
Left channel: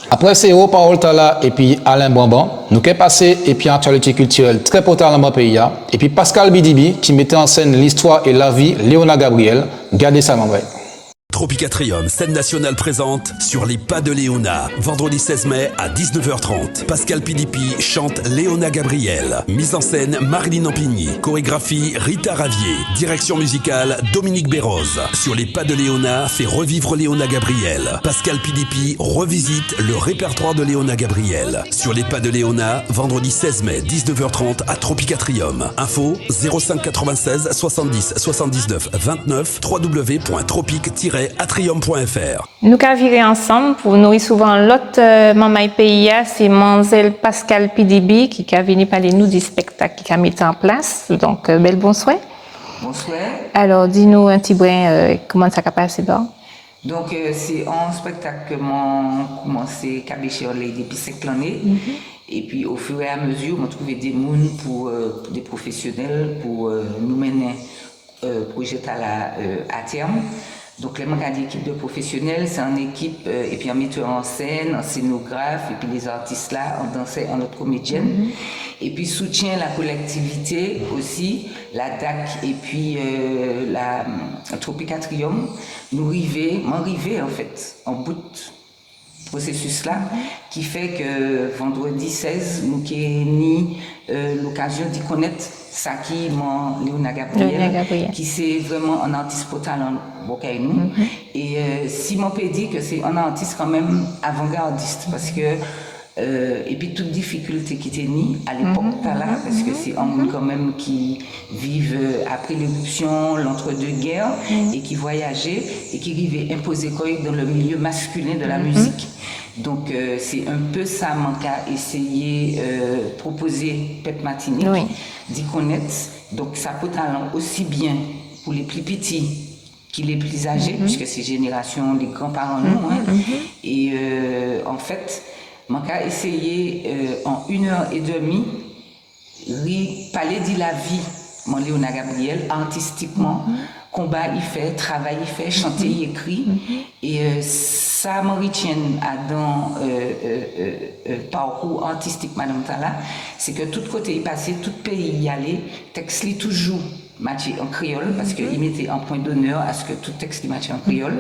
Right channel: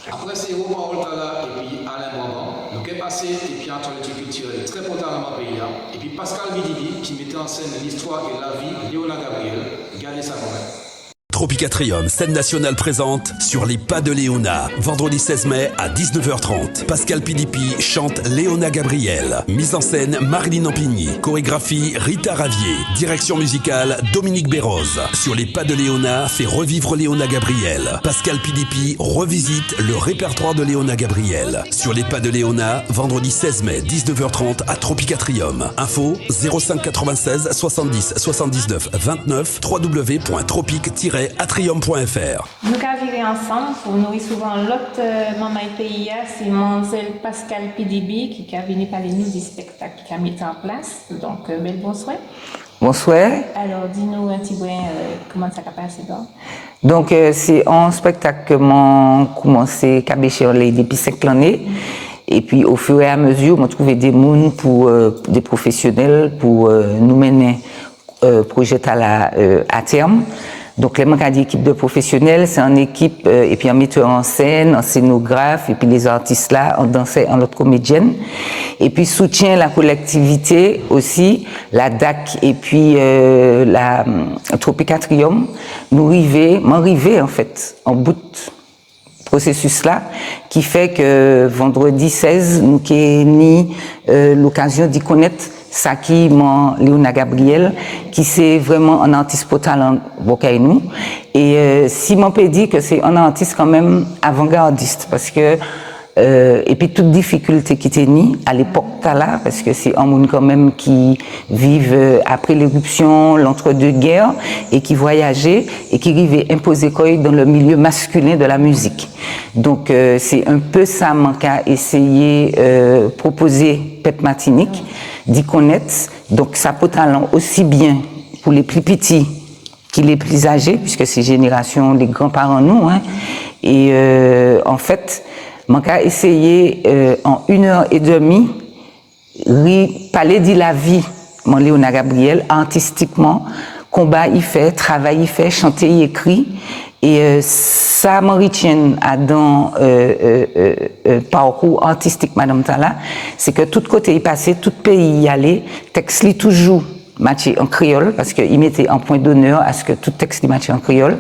Après ces hauts paroles là et puis Alain Bamban, nous avons passé et puis actualité culturelle très importante dans mon pays et puis Pascal Bidibi qui mettait en scène l'histoire et la vie Léona Gabriel. Gardez ça, mon frère. Tropicatrium, scène nationale présente Sur les pas de Léona. Vendredi 16 mai à 19h30. Pascal Pidipi chante Léona Gabriel. Mise en scène Marilyn Ampigny. Chorégraphie Rita Ravier. Direction musicale Dominique Béroz. Sur les pas de Léona fait revivre Léona Gabriel. Pascal Pidipi revisite le répertoire de Léona Gabriel. Sur les pas de Léona, vendredi 16 mai 19h30 à Tropicatrium. Info 05 96 70 79 29 www.tropique-atrium.fr. Nous avons viré ensemble pour nous souvent l'autre maman pays, c'est Mansel Pascal Pidibi qui a venu parler nous du spectacle qui a mis en place. Donc, bel bonsoir. Bonsoir. Alors, dis-nous un petit brin comment ça a passé d'or. Donc, c'est un spectacle que j'ai commencé à cabécher depuis 5 années. Et puis, au fur et à mesure, on a trouvé des gens des professionnels pour nous mener projet à terme. Donc, les manques d'équipe de professionnels, c'est en équipe, et puis un metteur en scène, un scénographe, et puis les artistes là, en danseur, en autre comédienne. Et puis, soutien la collectivité aussi, la DAC, et puis la Tropicatrium, m'arriver en fait, en bout de processus là, qui fait que vendredi 16, nous avons l'occasion d'y connaître Saki, Léona Gabriel, qui c'est vraiment un artiste pour talent nous. Et si mon peut dire que c'est un artiste quand même avant-gardiste, parce que et puis toute difficulté qui était née à l'époque là, parce que c'est un monde quand même qui vivent après l'éruption, l'entre-deux-guerres, et qui voyageait et qui arrivait imposer quoi dans le milieu masculin de la musique. Donc c'est un peu ça qu'a essayé proposer Pep Martinique, d'y connaître. Donc ça peut talent aussi bien pour les plus petits que les plus âgés, puisque c'est génération les grands-parents nous. Hein. Et en fait, j'ai essayé en 1h30 parler de la vie de Léona Gabriel artistiquement, combat il fait, travail il fait, chanter il écrit. Et ça m'en retient dans parcours artistique Madame Tala, c'est que tout côté il passait, tout pays y allait, texte li toujours matché en créole, parce qu'il mettait un point d'honneur à ce que tout texte matché en créole.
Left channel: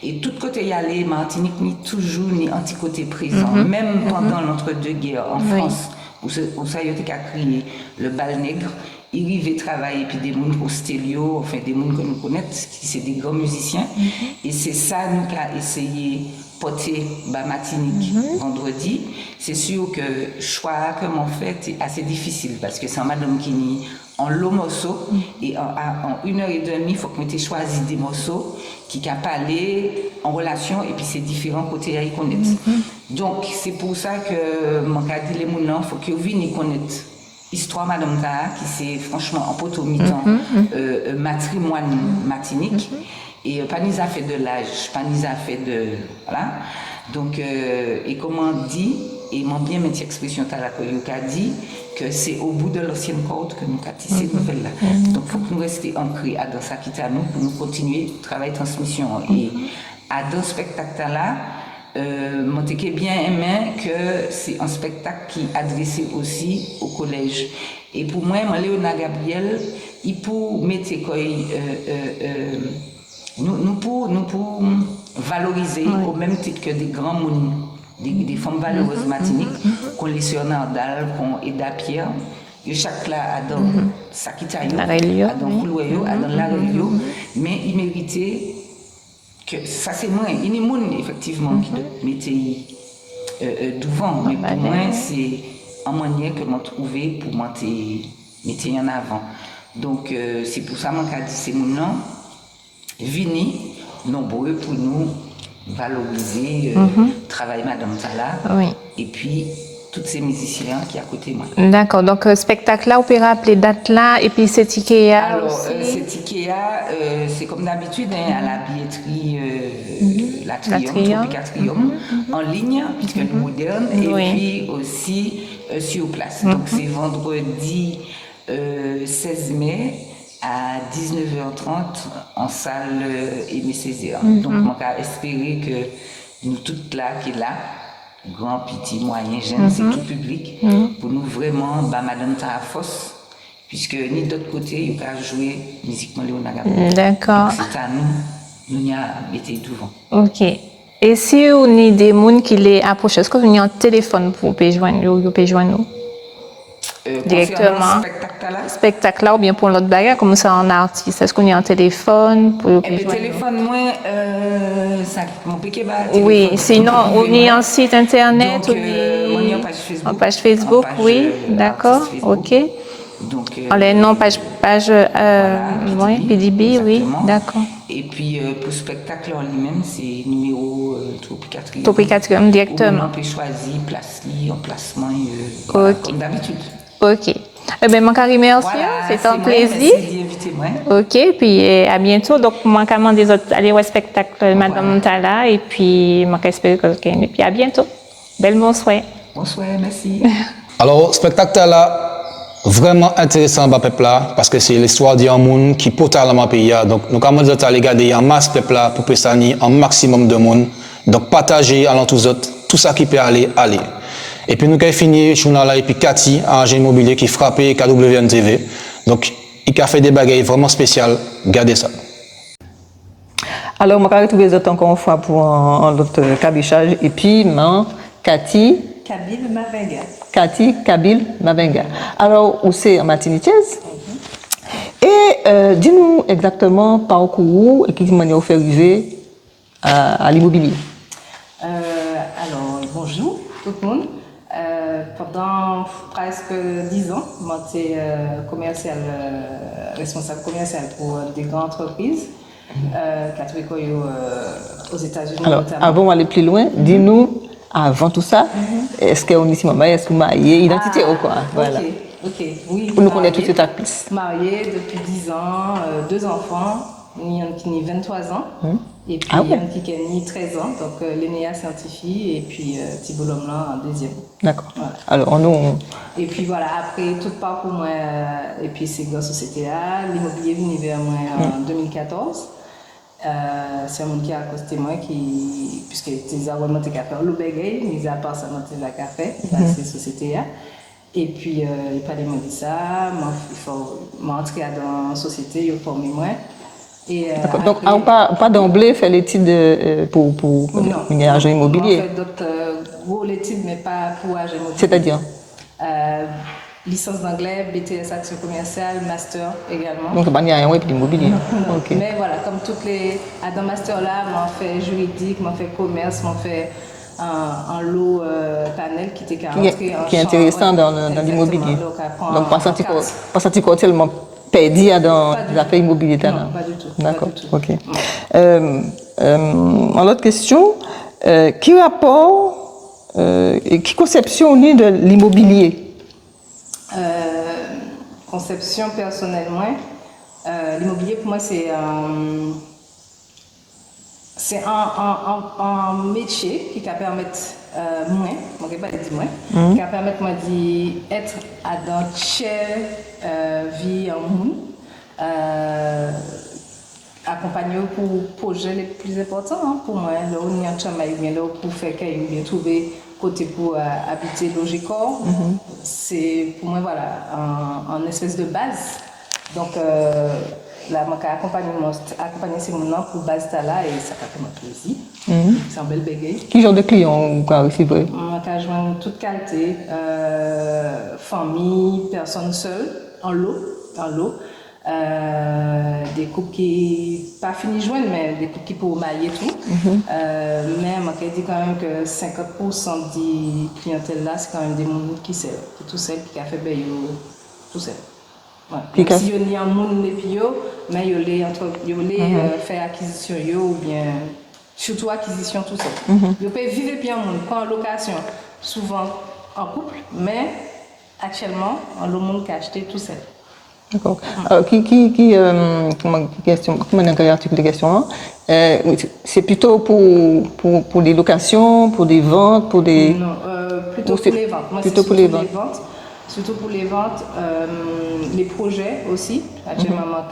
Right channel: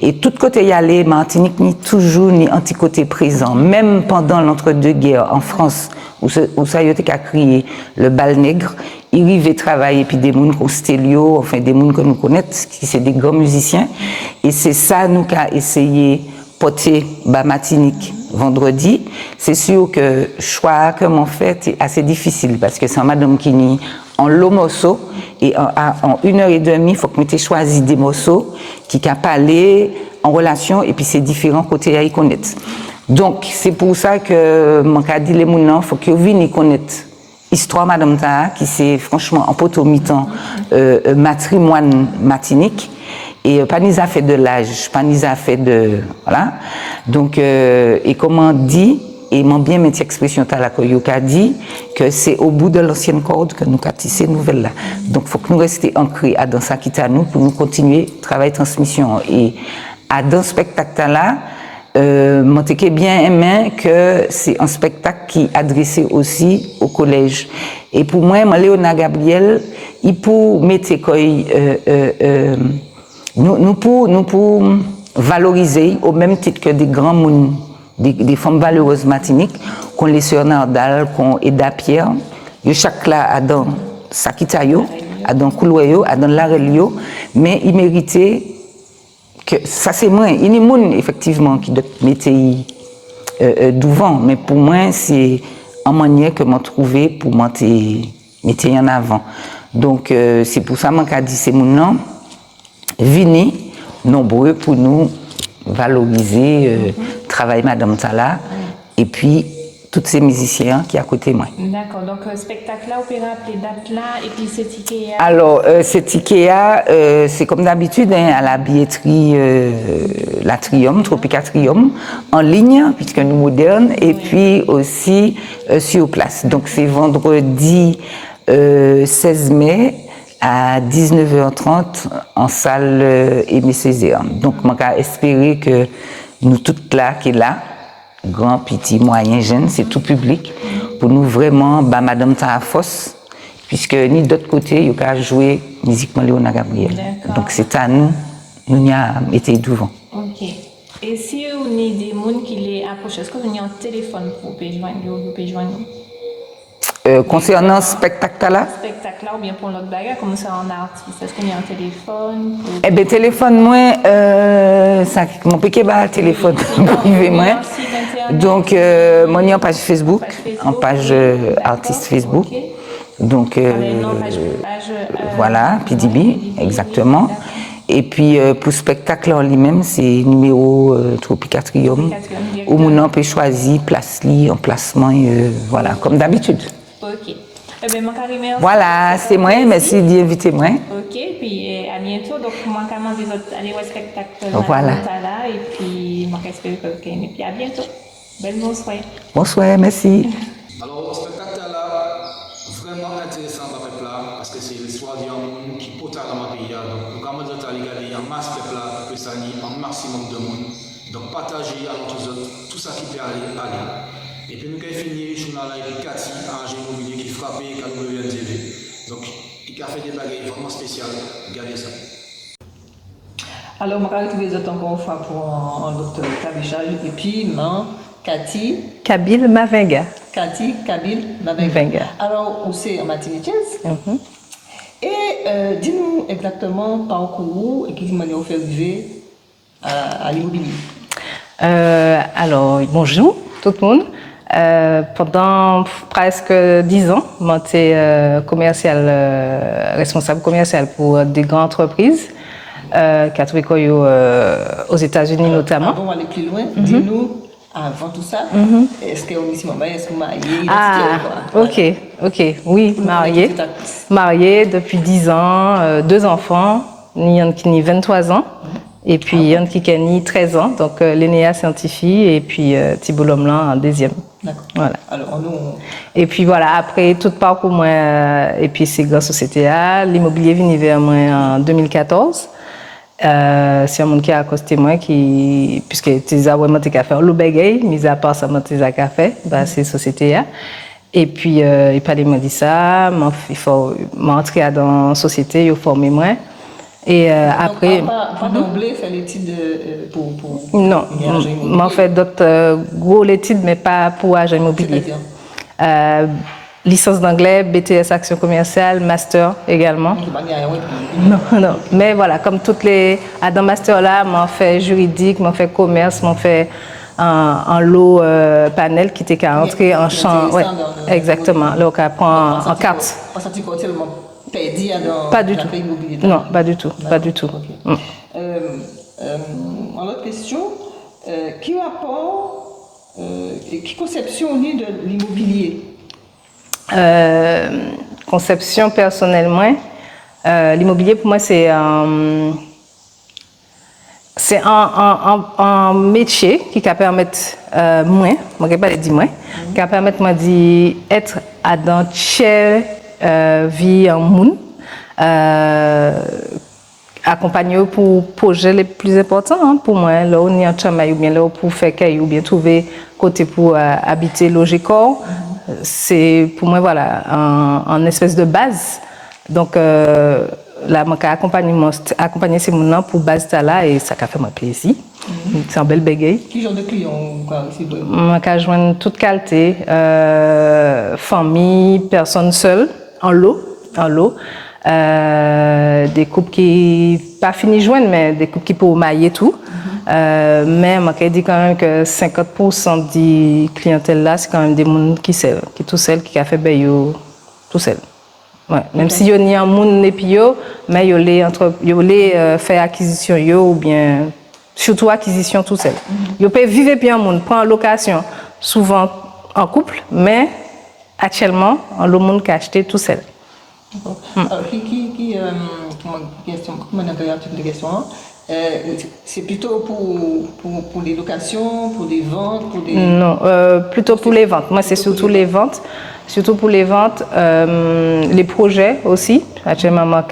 Et tout côté y allait, Martinique ni toujours ni anti-côté présent, même pendant l'entre-deux-guerres en France, où ça a été créé le bal nègre, il arrivait travailler, puis des gens comme Stélio, enfin des gens que nous connaissons, qui sont des grands musiciens. Et c'est ça, nous, qu'a essayé porter Martinique vendredi. C'est sûr que le choix que m'ont fait est assez difficile, parce que c'est madame qui nie en long morceau, et en 1h30, il faut que tu choisi des morceaux qui ont parlé en relation, et puis c'est différents côtés à y connaître. Donc, c'est pour ça que mon cas dit les gens, il faut qu'ils viennent y connaître l'histoire Madame Taha, qui c'est franchement en potomitan matrimoine Martinique, et pas ni a fait de l'âge, pas ni a fait de. Voilà. Donc, et comment on dit, et mon bien mettre expression Tala Koyoka dit que c'est au bout de l'ancienne corde que nous avons tissé cette nouvelle-là. Donc, il faut que nous restions ancrés dans ça qui est à nous pour nous continuer le travail de transmission. Et dans ce spectacle-là, je bien aimé que c'est un spectacle qui est adressé aussi au collège. Et pour moi, Léona Gabriel, il peut mettre nous pour valoriser au même titre que des grands mondes, des femmes valeureuses Martinique, qu'on les sœurs Nardal, qu'on Eda Pierre, chaque là a dans Sakitayo, a dans Kouloyo, a dans Larelio, mais il méritait que ça c'est moi, il y a des gens effectivement qui doivent mettre devant, mais pour moi c'est une manière que m'a trouvé pour mettre en avant. Donc c'est pour ça que je dis ces gens venez nombreux pour nous valoriser le travail Madame Tala et puis tous ces musiciens qui sont à côté de moi. D'accord, donc spectacle là, opéra appelé date là, et puis c'est Ikea. Alors, c'est Ikea, c'est comme d'habitude à la billetterie l'Atrium, Tropicatrium, en ligne, puisque nous moderne, et puis aussi sur place. Donc, c'est vendredi 16 mai à 19h30 en salle Aimé Césaire. Donc, on va espérer que nous toutes là, qui est là, grand, petit, moyen, jeune, c'est tout public, pour nous vraiment, Madame Taha Foss, puisque ni d'autre côté, il y a joué musiquement Léona Gabriel. D'accord. Donc c'est à nous nous y a été devant. OK. Et si on a des gens qui les approchent, est-ce que vous avez un téléphone pour joindre nous? Concernant le spectacle là? Spectacle là ou bien pour l'autre bagarre, comme ça en artiste, est-ce qu'on a un téléphone? Eh bien, téléphone, moi, ça, mon piquet bas, téléphone. Oui, sinon, on a un site internet. Donc, moi, j'ai une page Facebook. Page Facebook, page oui, d'accord, artiste Facebook. OK. Donc, non, page voilà, PDB, exactement. Oui, d'accord. Et puis, pour spectacle en lui-même, c'est numéro Tropicatrium. Tropicatrium, directement. Où on peut choisir place, emplacement, voilà, Okay. comme d'habitude. OK. Eh bien, mon carré, merci. Voilà, c'est moi, merci d'inviter moi. OK, puis à bientôt. Donc, mon commande des autres, allez au spectacle Madame Tala, et puis, mon espère que et puis à bientôt. Belle bonsoir. Bonsoir, merci. Alors, spectacle là, vraiment intéressant pour le peuple là, parce que c'est l'histoire d'un monde qui est totalement payé. Donc, nous commençons à regarder en masse peuple là pour prévenir un maximum de monde. Donc, partager à tous autres tout ça qui peut aller. Et puis, nous avons fini le journal là, et puis Cathy, agent immobilier qui frappait KWNTV. Donc, il a fait des bagailles vraiment spéciales. Regardez ça. Alors, je vais retrouver les autres encore une fois pour un autre cabichage. Et puis, Cathy Kabil Mavenga. Cathy Kabil Mavenga. Alors, où c'est en Martiniquaise. Et dis-nous exactement parcours et qui m'a fait arriver à l'immobilier. Alors, bonjour tout le monde. Pendant presque 10 ans, j'étais responsable commercial pour des grandes entreprises qui ont travaillé aux États-Unis notamment. Avant d'aller plus loin, dis-nous, avant tout ça, est-ce qu'on est ici maman, est-ce que vous mariez, identité ou quoi? Ok, oui, mariée depuis 10 ans, 2 enfants, Yann qui a 23 ans. Et puis Yann qui a 13 ans, donc Lénéa scientifique et puis Thibault Lomlan en deuxième. D'accord. Voilà. Alors nous. Et puis voilà, après tout parcours moi, et puis c'est grâce au CTA, l'immobilier venu vers moi en 2014. C'est un monde qui a accosté moi puisque tu as vraiment tes cafés au Loubegay, mis à part ça tu as café, c'est société là. Et puis il parlait m'a dit ça, il faut m'entrer dans la société, il faut former moi. Et donc, après, pas d'emblée faire l'étude pour non, agent immobilier. On fait d'autres gros études, mais pas pour agent immobilier. C'est-à-dire licence d'anglais, BTS action commerciale, master également. Donc, il n'y a rien pour l'immobilier. Non. Okay. Mais voilà, comme toutes les dans master là, m'en fait juridique, m'en fait commerce, m'en fait un lot panel qui était qu'à entrer en champ. Exactement. Là, on prend en carte. Pas ça tellement perdu dans l'affaire immobilier. Non, pas du tout. Pas du tout. Ok. En autre question, qui rapport et qui conception on est de l'immobilier? Conception personnellement, l'immobilier pour moi c'est un métier qui va permettre moi, je ne vais pas le dire moi, qui va permettre moi d'être dans chaque vie en monde, accompagner pour projets les plus importants pour moi, là on est en travail ou bien là pour faire caille ou bien trouver côté pour habiter, loger corps, c'est pour moi voilà un espèce de base. Donc là, je accompagner ces gens pour base là et ça fait mon plaisir. C'est un bel bégay. Quel genre de clients vous recevez? Je joindre toute qualité, famille, personnes seules, en lot. Des couples qui pas fini de joindre, mais des couples qui peuvent mailler tout. Mais je dis quand même que 50% des clientèles là, c'est quand même des gens qui tout seuls, qui a fait tout seul. Ouais. Même si il y a un monde et puis mais il les faire acquisition ou bien surtout acquisition tout seul. Ils peuvent vivre bien un monde, prendre en location, souvent en couple, mais actuellement le monde qui a acheté tout seul. D'accord. Comment articuler les questions? C'est plutôt pour des locations, pour des ventes, pour des... Non, plutôt pour les ventes. Moi, c'est surtout les ventes. Surtout pour les ventes, les projets aussi. Actuellement,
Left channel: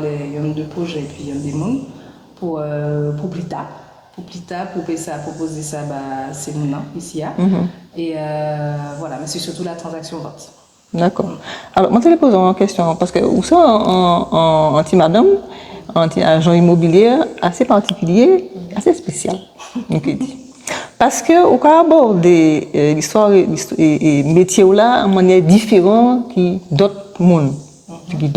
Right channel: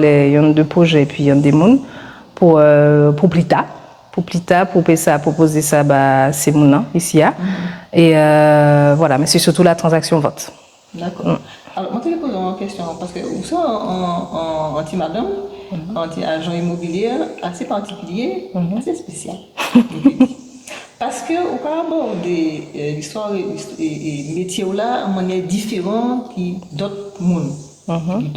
il y a 2 projets et puis il y a des mondes pour plus tard. Pour proposer ça, c'est mon ici. Et voilà, mais c'est surtout la transaction vente. D'accord. Alors, moi, je te pose une question, parce que où ça, en anti-madame, anti-agent immobilier, assez particulier, assez spécial. Parce que au cas aborder l'histoire et métier là de manière différente qui d'autres mondes, qui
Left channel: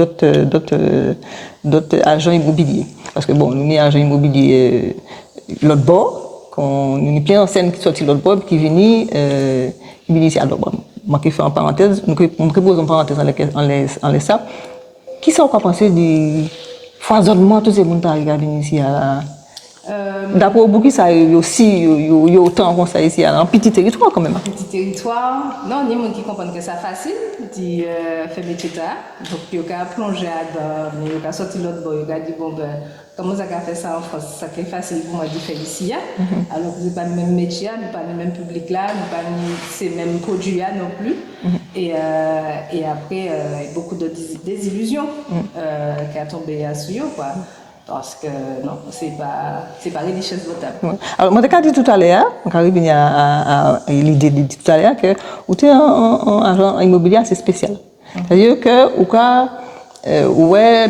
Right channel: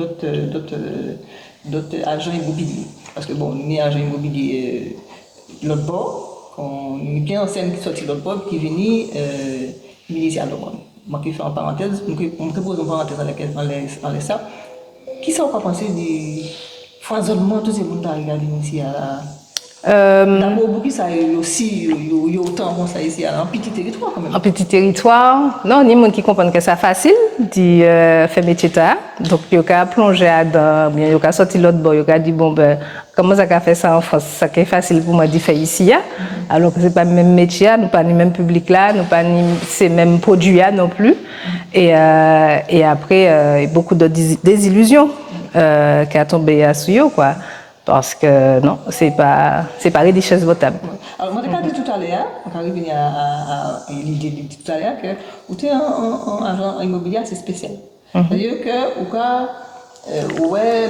d'autres agents immobiliers. Parce que bon, nous sommes agents immobiliers l'autre bord, quand nous sommes plein en scène qui sortent l'autre bord, qui viennent ici à l'autre bord. Moi qui fais en parenthèse, on pose en parenthèse en laisse ça. Qui ça qu'on penser du foisonnement tous ces gens qui arrivent à venir ici à d'abord, beaucoup ça aussi, il y a autant comme ça ici, un petit territoire quand même. Un petit territoire, non, il y a des gens qui comprennent que c'est facile de faire métier là. Donc, il y a plonger dedans, il y a sorti l'autre bord, il y a dit bon ben comment ça a fait ça en France, ça qui est facile pour moi de faire ici. Alors que c'est pas le même métier, nous pas le même public là, nous pas ces mêmes produits là non plus. Et après, il y a beaucoup de désillusions qui a tombé à suivre quoi. Parce que non, c'est pas richesse votable. Alors, moi, je dit tout à l'heure, on va revenir à l'idée de tout à l'heure, que vous êtes un agent immobilier assez spécial. C'est-à-dire que vous pouvez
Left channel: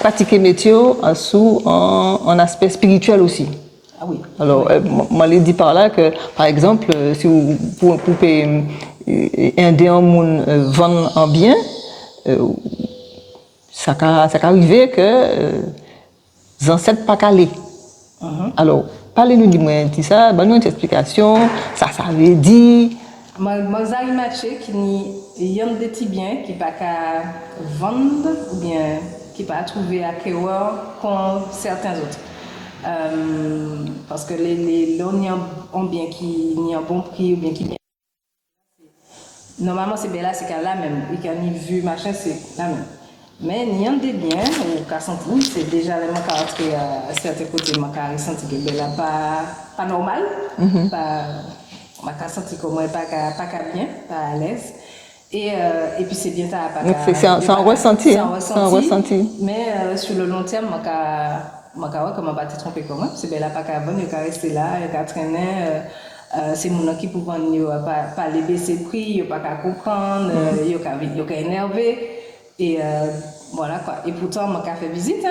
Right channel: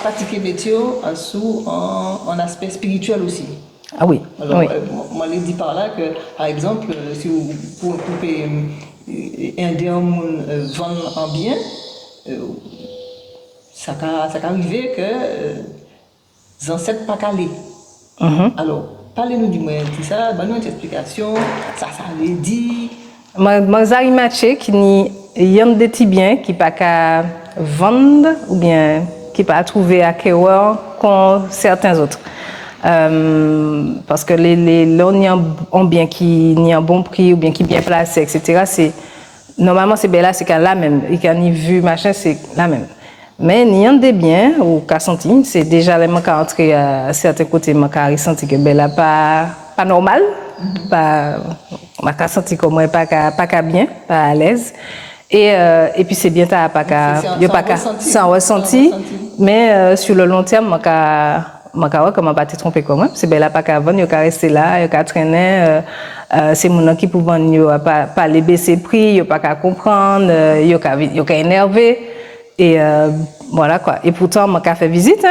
pratiquer le métier sous un aspect spirituel aussi. Ah oui. Alors, oui. moi, je dis par là que, par exemple, si vous pouvez aider un monde vendre un bien, ça peut arriver que les ancêtres pas calés. Alors, parlez-nous du moins de ça, donnez-nous une explication, ça veut dire. Moi, j'ai matché qu'il y a des petits biens qui ne peuvent pas vendre ou bien qui ne peuvent pas trouver à Kéwa comme certains autres. Parce que là, il y a un bien qui a un bon prix ou bien qui est bien placé, etc. Normalement, c'est bien là, c'est la même. Et quand il vu, machin, c'est la même. Mais il y a des biens au cas senti, c'est déjà les manques à entrer à certains côtés, manques à ressentir que ben là pas normal, pas manques à sentir comme moi pas bien, pas à l'aise. Et puis c'est bien t'as pas qu'à sans ressenti. Mais sur le long terme manques à comment pas te tromper comme moi, c'est ben là pas qu'à vendre, il qu'à rester là, il qu'à traîner. C'est mon qui pour vendre pas les baisser prix, il pas qu'à comprendre, il qu'à énerver. Et voilà quoi. Et pourtant, je m'ai fait visite,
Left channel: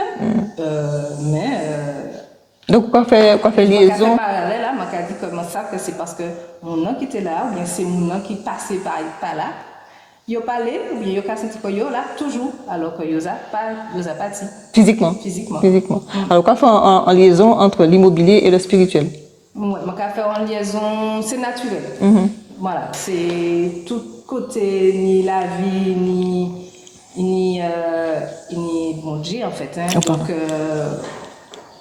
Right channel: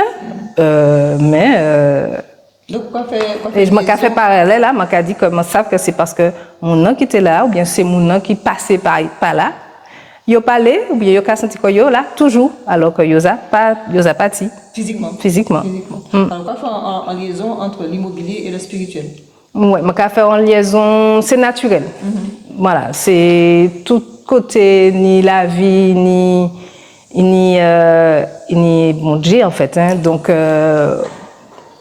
mais. Donc, quoi faire je m'ai fait parallèle là, je m'ai dit que je sais que c'est parce que mon nom qui était là, ou bien c'est mon nom qui passait par là. Il a parlé, ou bien il a senti que là, toujours, alors que il n'a pas dit. Physiquement. Alors, quoi faire en liaison entre l'immobilier et le spirituel? Oui, je m'ai fait en liaison, c'est naturel. Voilà, c'est tout côté, ni la vie, ni mon Dieu en fait donc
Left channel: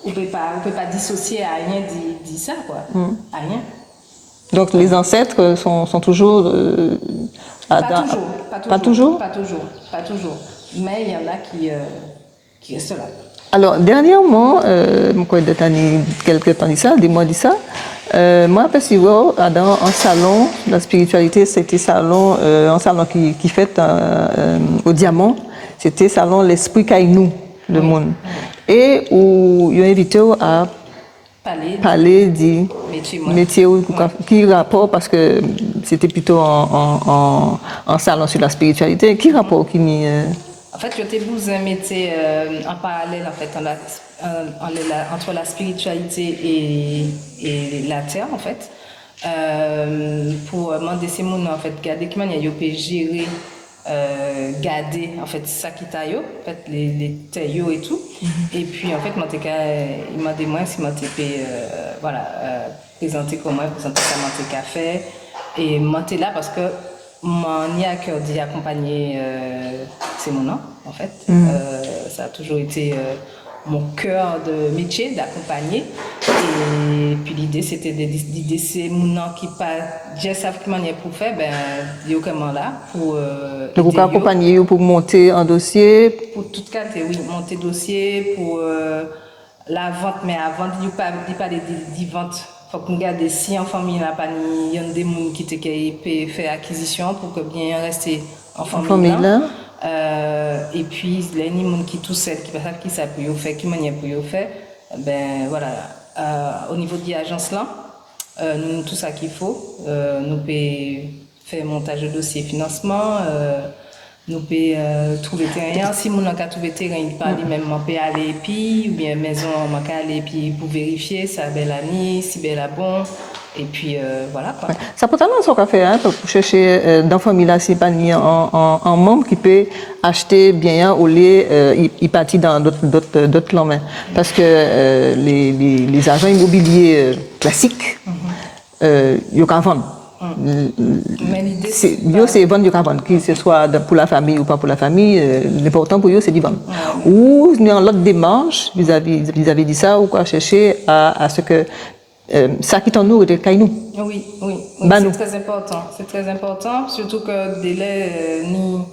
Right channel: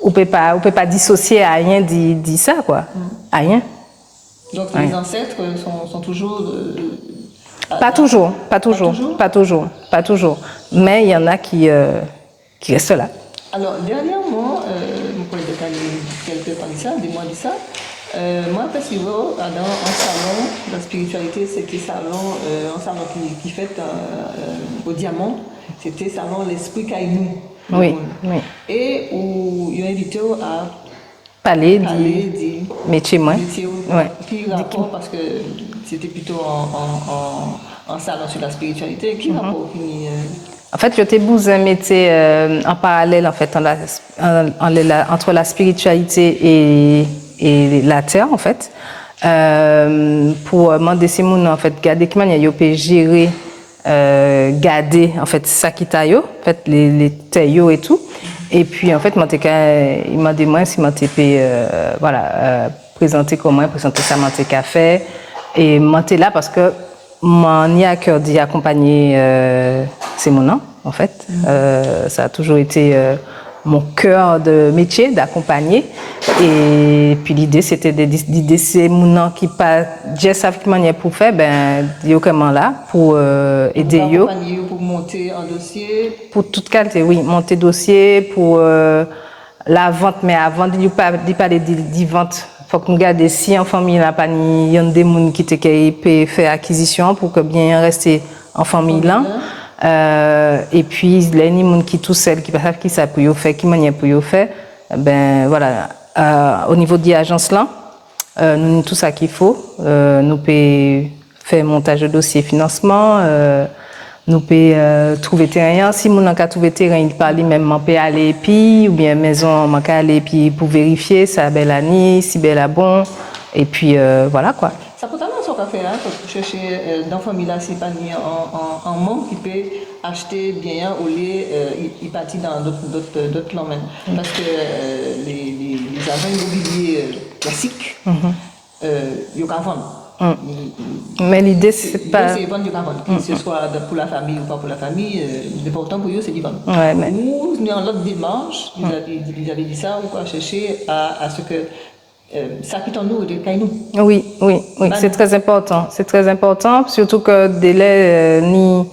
on peut pas dissocier à rien dit ça quoi à rien. Donc les ancêtres sont toujours pas toujours mais il y en a qui restent là. Alors dernièrement mon collègue quelques temps dit ça, des mois dit ça. Moi, après, dans un salon, la spiritualité, c'était un salon qui fait au diamant, c'était salon l'esprit Kaïnou, le monde. Et où ils ont invité à parler du métier, qui rapport, parce que c'était plutôt un salon sur la spiritualité, qui rapport qui En fait, je t'ai bousé un métier en parallèle en fait, entre la spiritualité et la terre en fait, pour demander ces gens en fait garder comment ils peuvent gérer, garder en fait ça qui t'a en fait les terres et tout. Et puis en fait il m'a demandé si m'a présenter comment présenter ça m'a fait et m'a là parce que m'en y a cœur d'y accompagner c'est mon nom en fait. Ça a toujours été mon cœur de métier d'accompagner et puis l'idée c'était d'idée c'est mon nom qui pas j'ai savent manière pour faire yo comment là pour aider yo accompagner pour monter un dossier pour toute qualité monter dossier pour la vente mais avant de parler de vente faut qu'on garde si en famille là pas il y a des gens qui peut faire acquisition pour que bien rester en famille là. Et puis les gens qui tout seul qui savent qui ça pour faire qui manière pour faire voilà au niveau de l'agence là nous tout ça qu'il faut nous peut faire montage de dossier financement, nous pouvons trouver terrain. Si nous avons trouvé terrain, il parle même, on peut aller puis ou bien maison, on peut aller puis pour vérifier, ça belle année, si belle à bon. Et puis voilà quoi. Ça peut être ce qu'on fait pour chercher dans la famille là, c'est pas un membre qui peut acheter bien au lieu il partit dans d'autres langues. Parce que les agents immobiliers classiques, ils peuvent vendre. Mais l'idée c'est vendre du vendre, que ce soit pour la famille ou pas pour la famille, l'important pour eux c'est de vendre. Ou dans l'autre démarche vis-à-vis de ça, ou quoi chercher à ce que ça qui t'en nous de nous. Oui, c'est très important. C'est très important, surtout que délai ni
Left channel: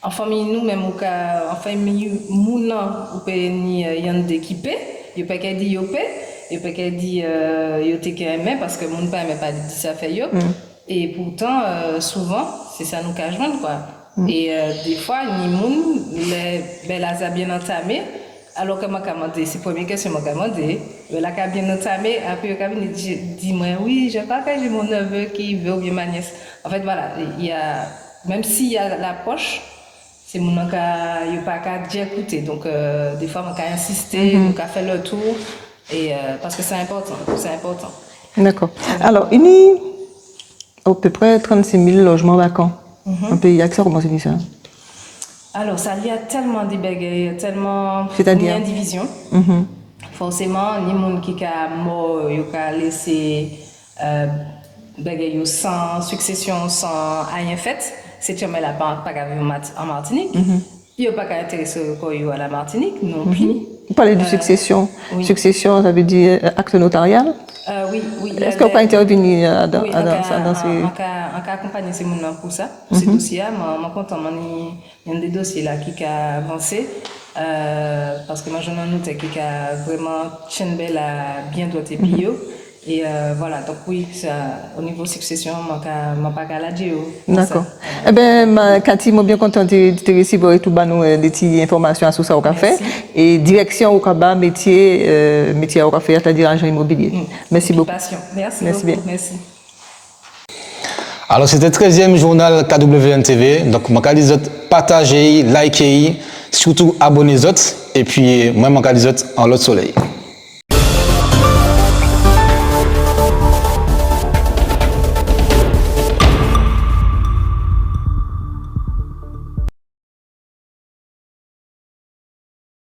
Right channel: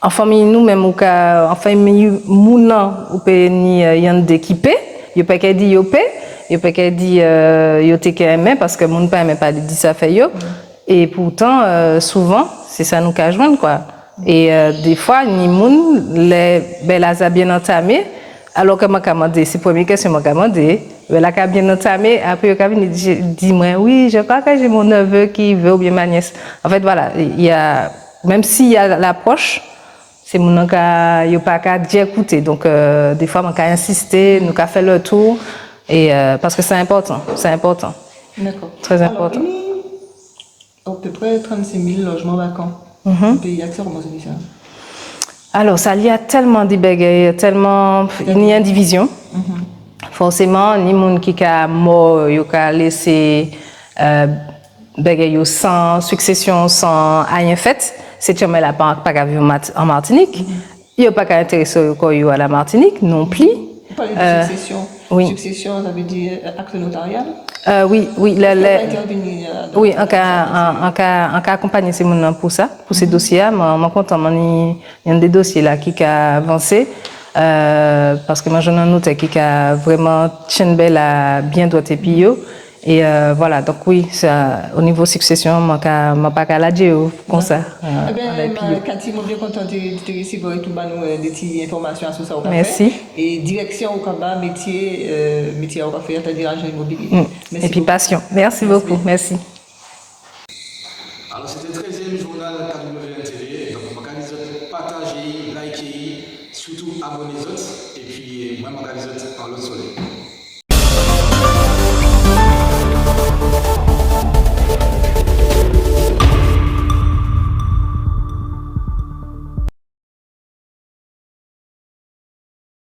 en famille nous même ou en famille mouna ou peut ni y'en d'équipé, yo pas qu'à dire yo paie. Il peut pas dire yo te qu'aimer parce que mon père même pas dit ça fait yo et pourtant souvent c'est ça nous qu'a joindre quoi et des fois ni moun les belles bien entamé alors que m'a commandé c'est première question m'a commandé la qu'a bien entamé après yo qu'a dit moi oui je crois que j'ai mon neveu qui veut ou bien ma nièce en fait voilà il y a même s'il y a l'approche c'est mon qu'a yo pas qu'à dire écouter donc des fois m'a qu'a insister nous qu'a fait le tour. Et parce que c'est important. D'accord. Très alors, important. il y a à peu près 36 000 logements vacants. Un pays accès, comment c'est ça? Alors, ça y a tellement de bagages, tellement ni indivision. Forcément, ni monde qui a mort, il a laissé bagages sans succession, sans rien fait. C'est jamais la banque pas vu en Martinique. Il n'y a pas qu'à intéresser à la Martinique non plus. Vous parlez de succession. Oui. Succession, ça veut dire acte notarial? Oui. Est-ce qu'on peut intervenir dans oui, ça? Oui, on a accompagné ces gens pour ça, pour ces dossiers. Je suis content, il y a des dossiers là qui ont avancé. Parce que moi, j'en ai un autre qui a vraiment tient bien droit et pio. Et voilà, donc oui, ça, au niveau succession, je ne peux pas la dire pour ça. Eh bien, Cathy, je suis bien contente de te recevoir et tout des petites informations sur ça au café. Merci. Et direction au Kaba, métier au café, c'est-à-dire agent immobilier. Merci beaucoup. Passion. Merci beaucoup. Merci. Alors, c'était le 13e journal KWN-TV. Donc, je vais dire partagez, likez, surtout abonnez-vous. Et puis, moi, je vais dire en l'autre soleil.